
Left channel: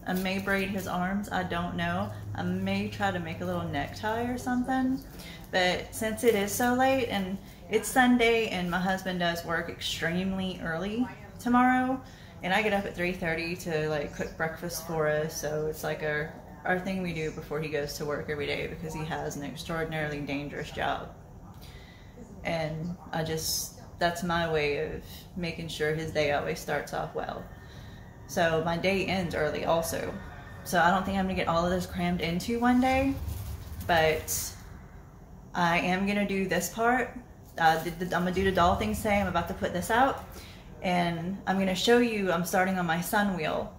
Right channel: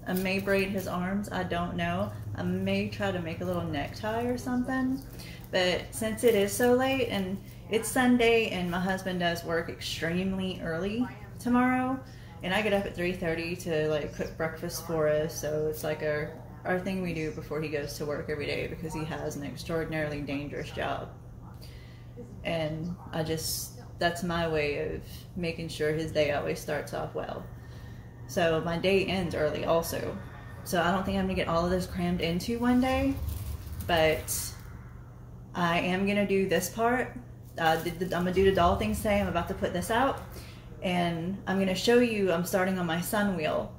I may braid his arms, I don't know. I may try to make a little necktie or something. But since it is so late and it's Sunday and my husband does work extremely early tomorrow, and I get up at 3:30 to like cook breakfast for us. So it's like our thing we do before he goes to work every day, because he has an extraordinarily dangerous job. And that's my way of making sure his day always starts off well. So my day ends early also. So I don't think I'm gonna get all of this crammed into one day, but I am gonna do this part. I'm gonna do the doll things today. I'm about to put this out, and I'm gonna show you, I'm starting on my sun wheel.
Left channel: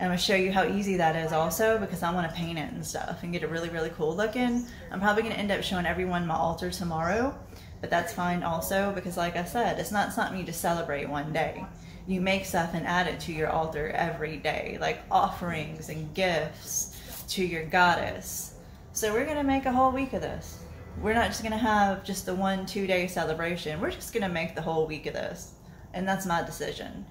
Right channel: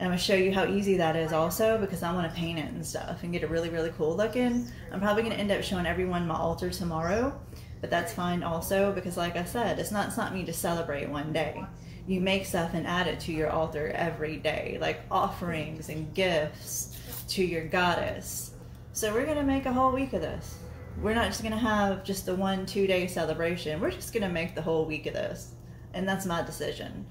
And I'm gonna show you how easy that is also, because I wanna paint it and stuff and get it really, really cool looking. I'm probably gonna end up showing everyone my altar tomorrow. But that's fine also, because like I said, it's not something you just celebrate one day. You make stuff and add it to your altar every day, like offerings and gifts to your goddess. So we're gonna make a whole week of this. We're not just gonna have just the 1-2 day celebration. We're just gonna make the whole week of this. And that's my decision.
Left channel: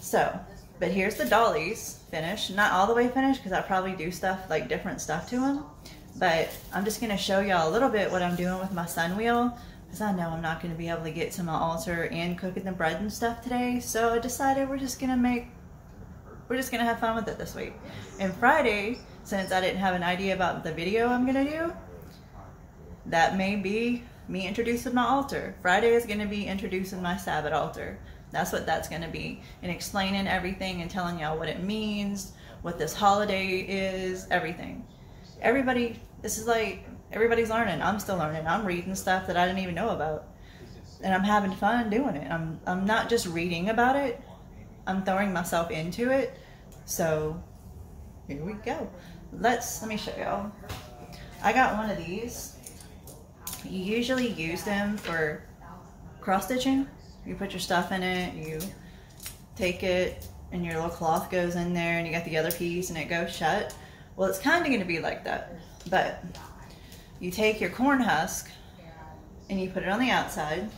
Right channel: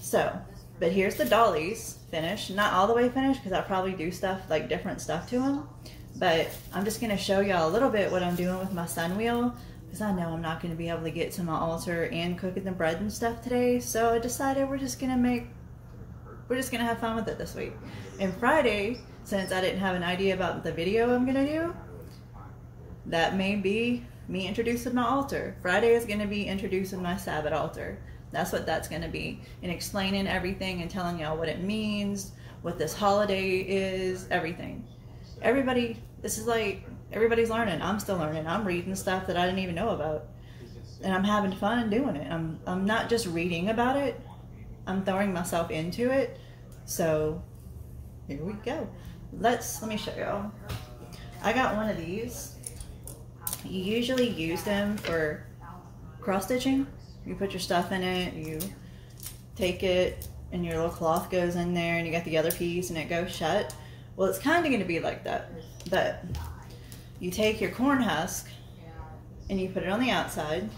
So, but here's the dollies finished. Not all the way finished, because I probably do stuff, like different stuff to them. But I'm just gonna show y'all a little bit what I'm doing with my sun wheel. because I know I'm not going to be able to get to my altar and cooking the bread and stuff today. So I decided we're just gonna have fun with it this week. And Friday, since I didn't have an idea about the video I'm gonna do, that may be me introducing my altar. Friday is gonna be introducing my Sabbath altar. That's what that's gonna be, and explaining everything and telling y'all what it means, what this holiday is, everything. This is like, everybody's learning. I'm still learning. I'm reading stuff that I didn't even know about, and I'm having fun doing it. I'm not just reading about it, I'm throwing myself into it. So here we go. Let me show y'all. I got one of these. You usually use them for cross stitching. You put your stuff in it, you take it, and your little cloth goes in there, and you got the other piece and it goes shut. Well, it's kind of going to be like that, but you take your corn husk and you put it on the outside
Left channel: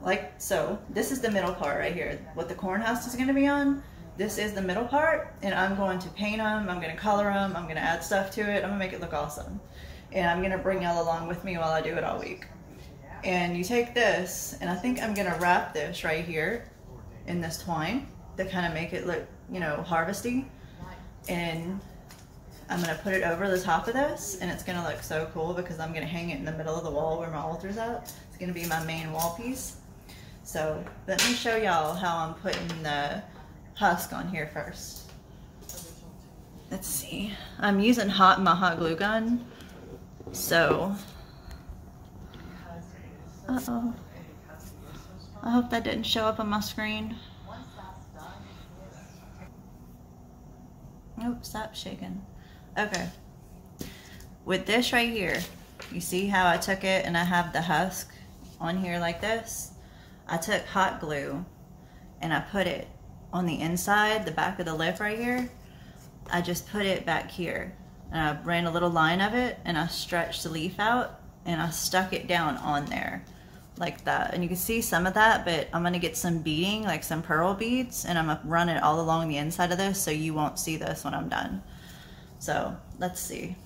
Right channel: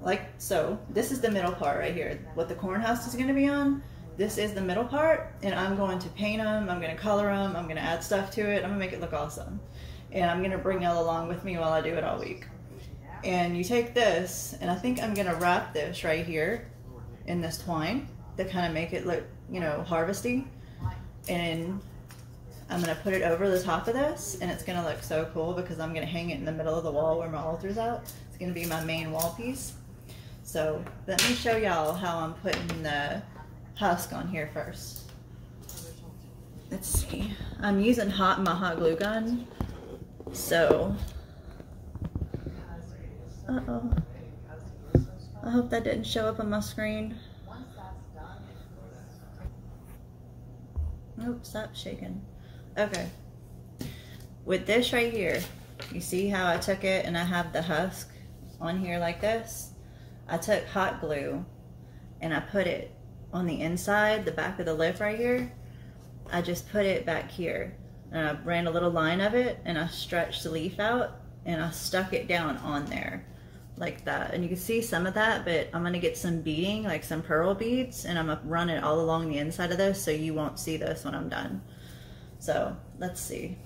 like so. This is the middle part right here. What the corn husk is going to be on, this is the middle part, and I'm going to paint them, I'm going to color them, I'm going to add stuff to it, I'm going to make it look awesome. And I'm going to bring y'all along with me while I do it all week. And you take this, and I think I'm going to wrap this right here in this twine to kind of make it look, you know, harvesty. And I'm going to put it over the top of this, and it's going to look so cool because I'm going to hang it in the middle of the wall where my altar's at. It's going to be my main wall piece. So let me show y'all how I'm putting the husk on here first. Let's see. I'm using my hot glue gun. So, uh-oh. I hope that didn't show up on my screen. Nope, stop shaking. Okay. With this right here, you see how I took it and I have the husk on here like this? I took hot glue and I put it on the inside, the back of the lip right here. I just put it back here. And I ran a little line of it and I stretched the leaf out and I stuck it down on there like that. And you can see some of that, but I'm gonna get some beading, like some pearl beads, and I'm gonna run it all along the inside of this so you won't see this when I'm done. So let's see.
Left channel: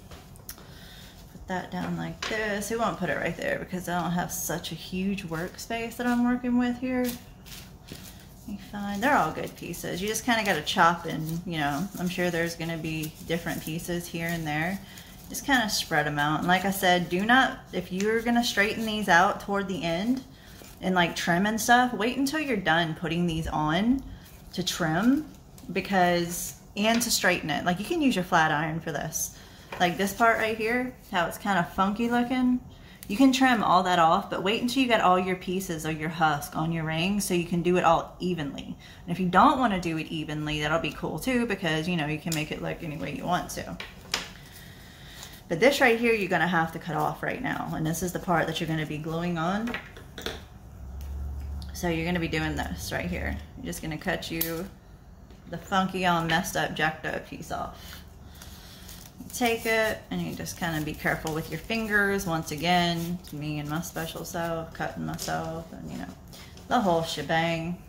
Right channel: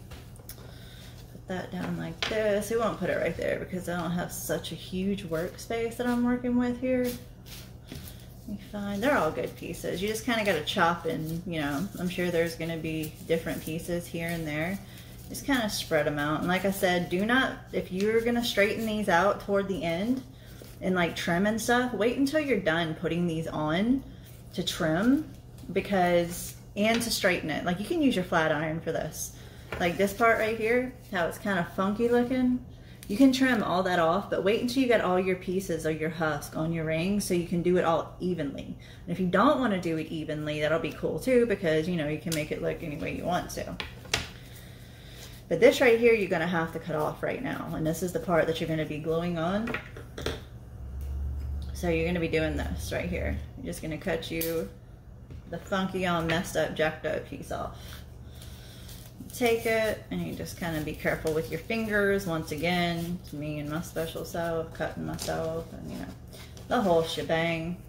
Put that down like this. We won't put it right there because I don't have such a huge workspace that I'm working with here. Fine. They're all good pieces. You just kind of got to chop in, you know, I'm sure there's going to be different pieces here and there. Just kind of spread them out. And like I said, do not, if you're going to straighten these out toward the end and like trim and stuff, wait until you're done putting these on to trim, because, and to straighten it. Like you can use your flat iron for this. Like this part right here, how it's kind of funky looking. You can trim all that off, but wait until you got all your pieces of your husk on your ring so you can do it all evenly. And if you don't want to do it evenly, that'll be cool too, because you know, you can make it look any way you want to. But this right here, you're going to have to cut off right now. And this is the part that you're going to be gluing on. So you're going to be doing this right here. You're just going to cut you the funky, all messed up, jacked up piece off. Take it and you just kind of be careful with your fingers. Once again, me and my special self, cutting myself, and you know, the whole shebang.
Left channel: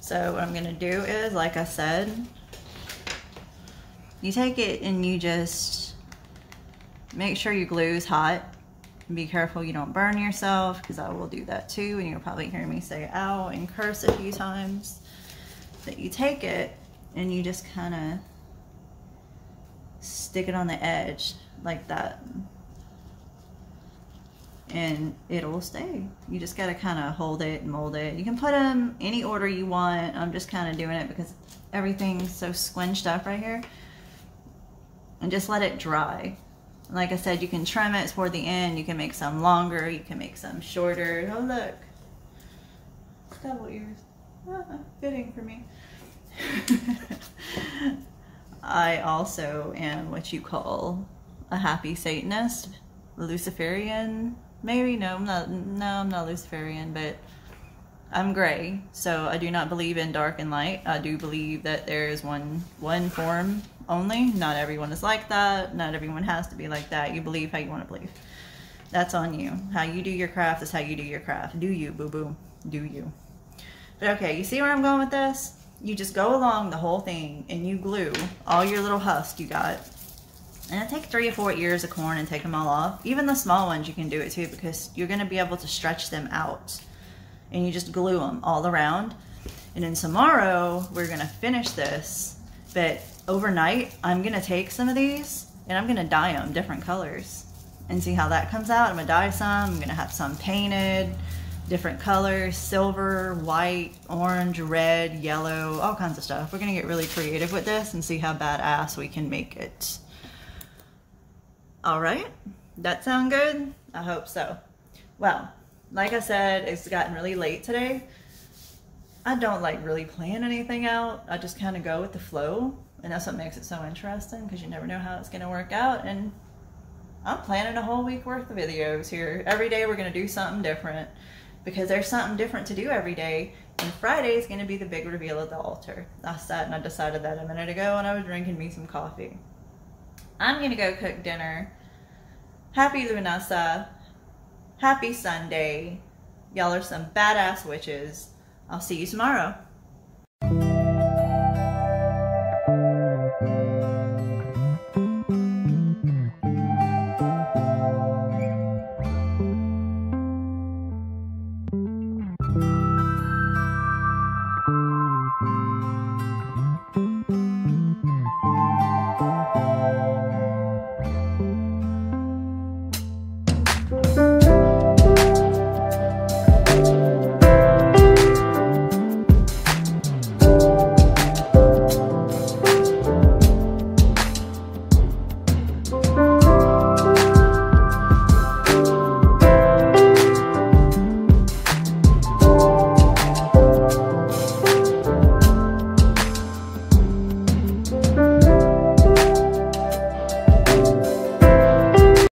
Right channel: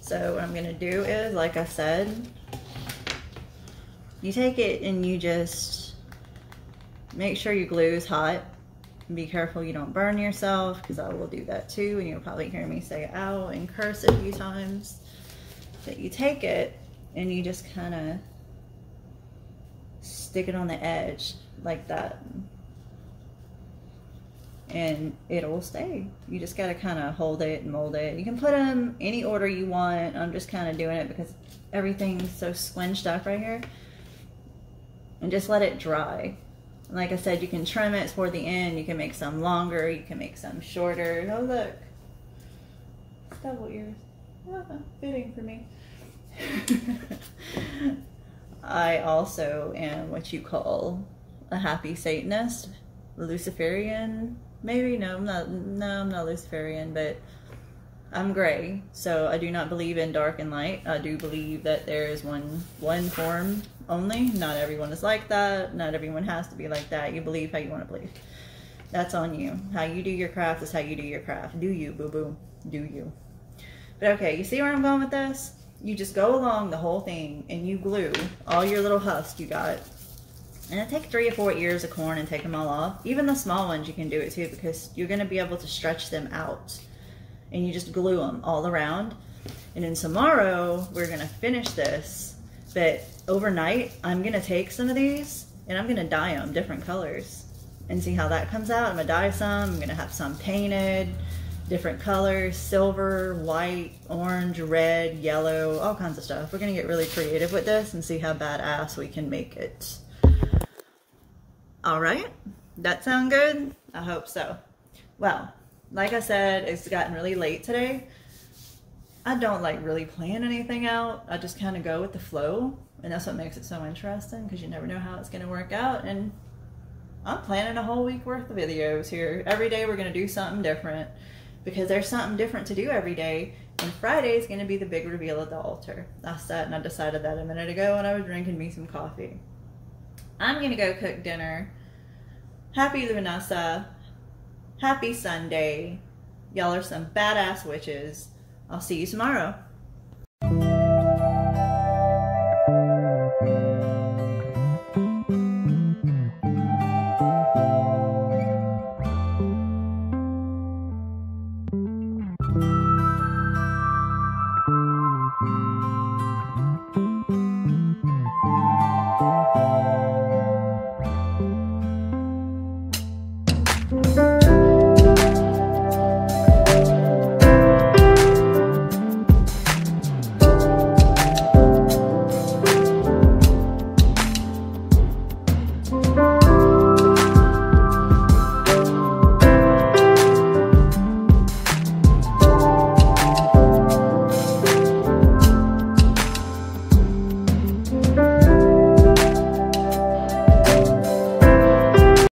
So what I'm gonna do is, like I said, you take it and you just make sure your glue is hot. Be careful you don't burn yourself, because I will do that too, and you'll probably hear me say ow and curse a few times. But you take it and you just kind of stick it on the edge like that, and it'll stay. You just got to kind of hold it and mold it. You can put them any order you want. I'm just kind of doing it because everything's so squinched up right here. And just let it dry. Like I said, you can trim it toward the end. You can make some longer, you can make some shorter. Oh look, double ears. Fitting for me. I also am what you call a happy Satanist, Luciferian, maybe. No, I'm not Luciferian, but I'm gray, so I do not believe in dark and light. I do believe that there is one form only. Not everyone is like that. Not everyone has to be like that. You believe how you want to believe. That's on you. How you do your craft is how you do your craft. Do you, boo-boo. Do you. But okay, you see where I'm going with this? You just go along the whole thing and you glue all your little husk you got And take 3 or 4 ears of corn and take them all off. Even the small ones you can do it too, because you're going to be able to stretch them out. And you just glue them all around. And then tomorrow we're going to finish this. But overnight I'm going to take some of these and I'm going to dye them different colors. And see how that comes out. I'm going to dye some. I'm going to have some painted. Different colors. Silver, white, orange, red, yellow. All kinds of stuff. We're going to get really creative with this and see how badass we can make it. Alright, that sound good? I hope so. Well, like I said, it's gotten really late today. I don't like really plan anything out. I just kind of go with the flow, and that's what makes it so interesting, because you never know how it's going to work out. And I'm planning a whole week worth of videos here. Every day we're going to do something different, because there's something different to do every day. And Friday is going to be the big reveal at the altar. I sat and I decided that a minute ago when I was drinking me some coffee. I'm going to go cook dinner. Happy Lughnasadh. Happy Sunday. Y'all are some badass witches. I'll see you tomorrow.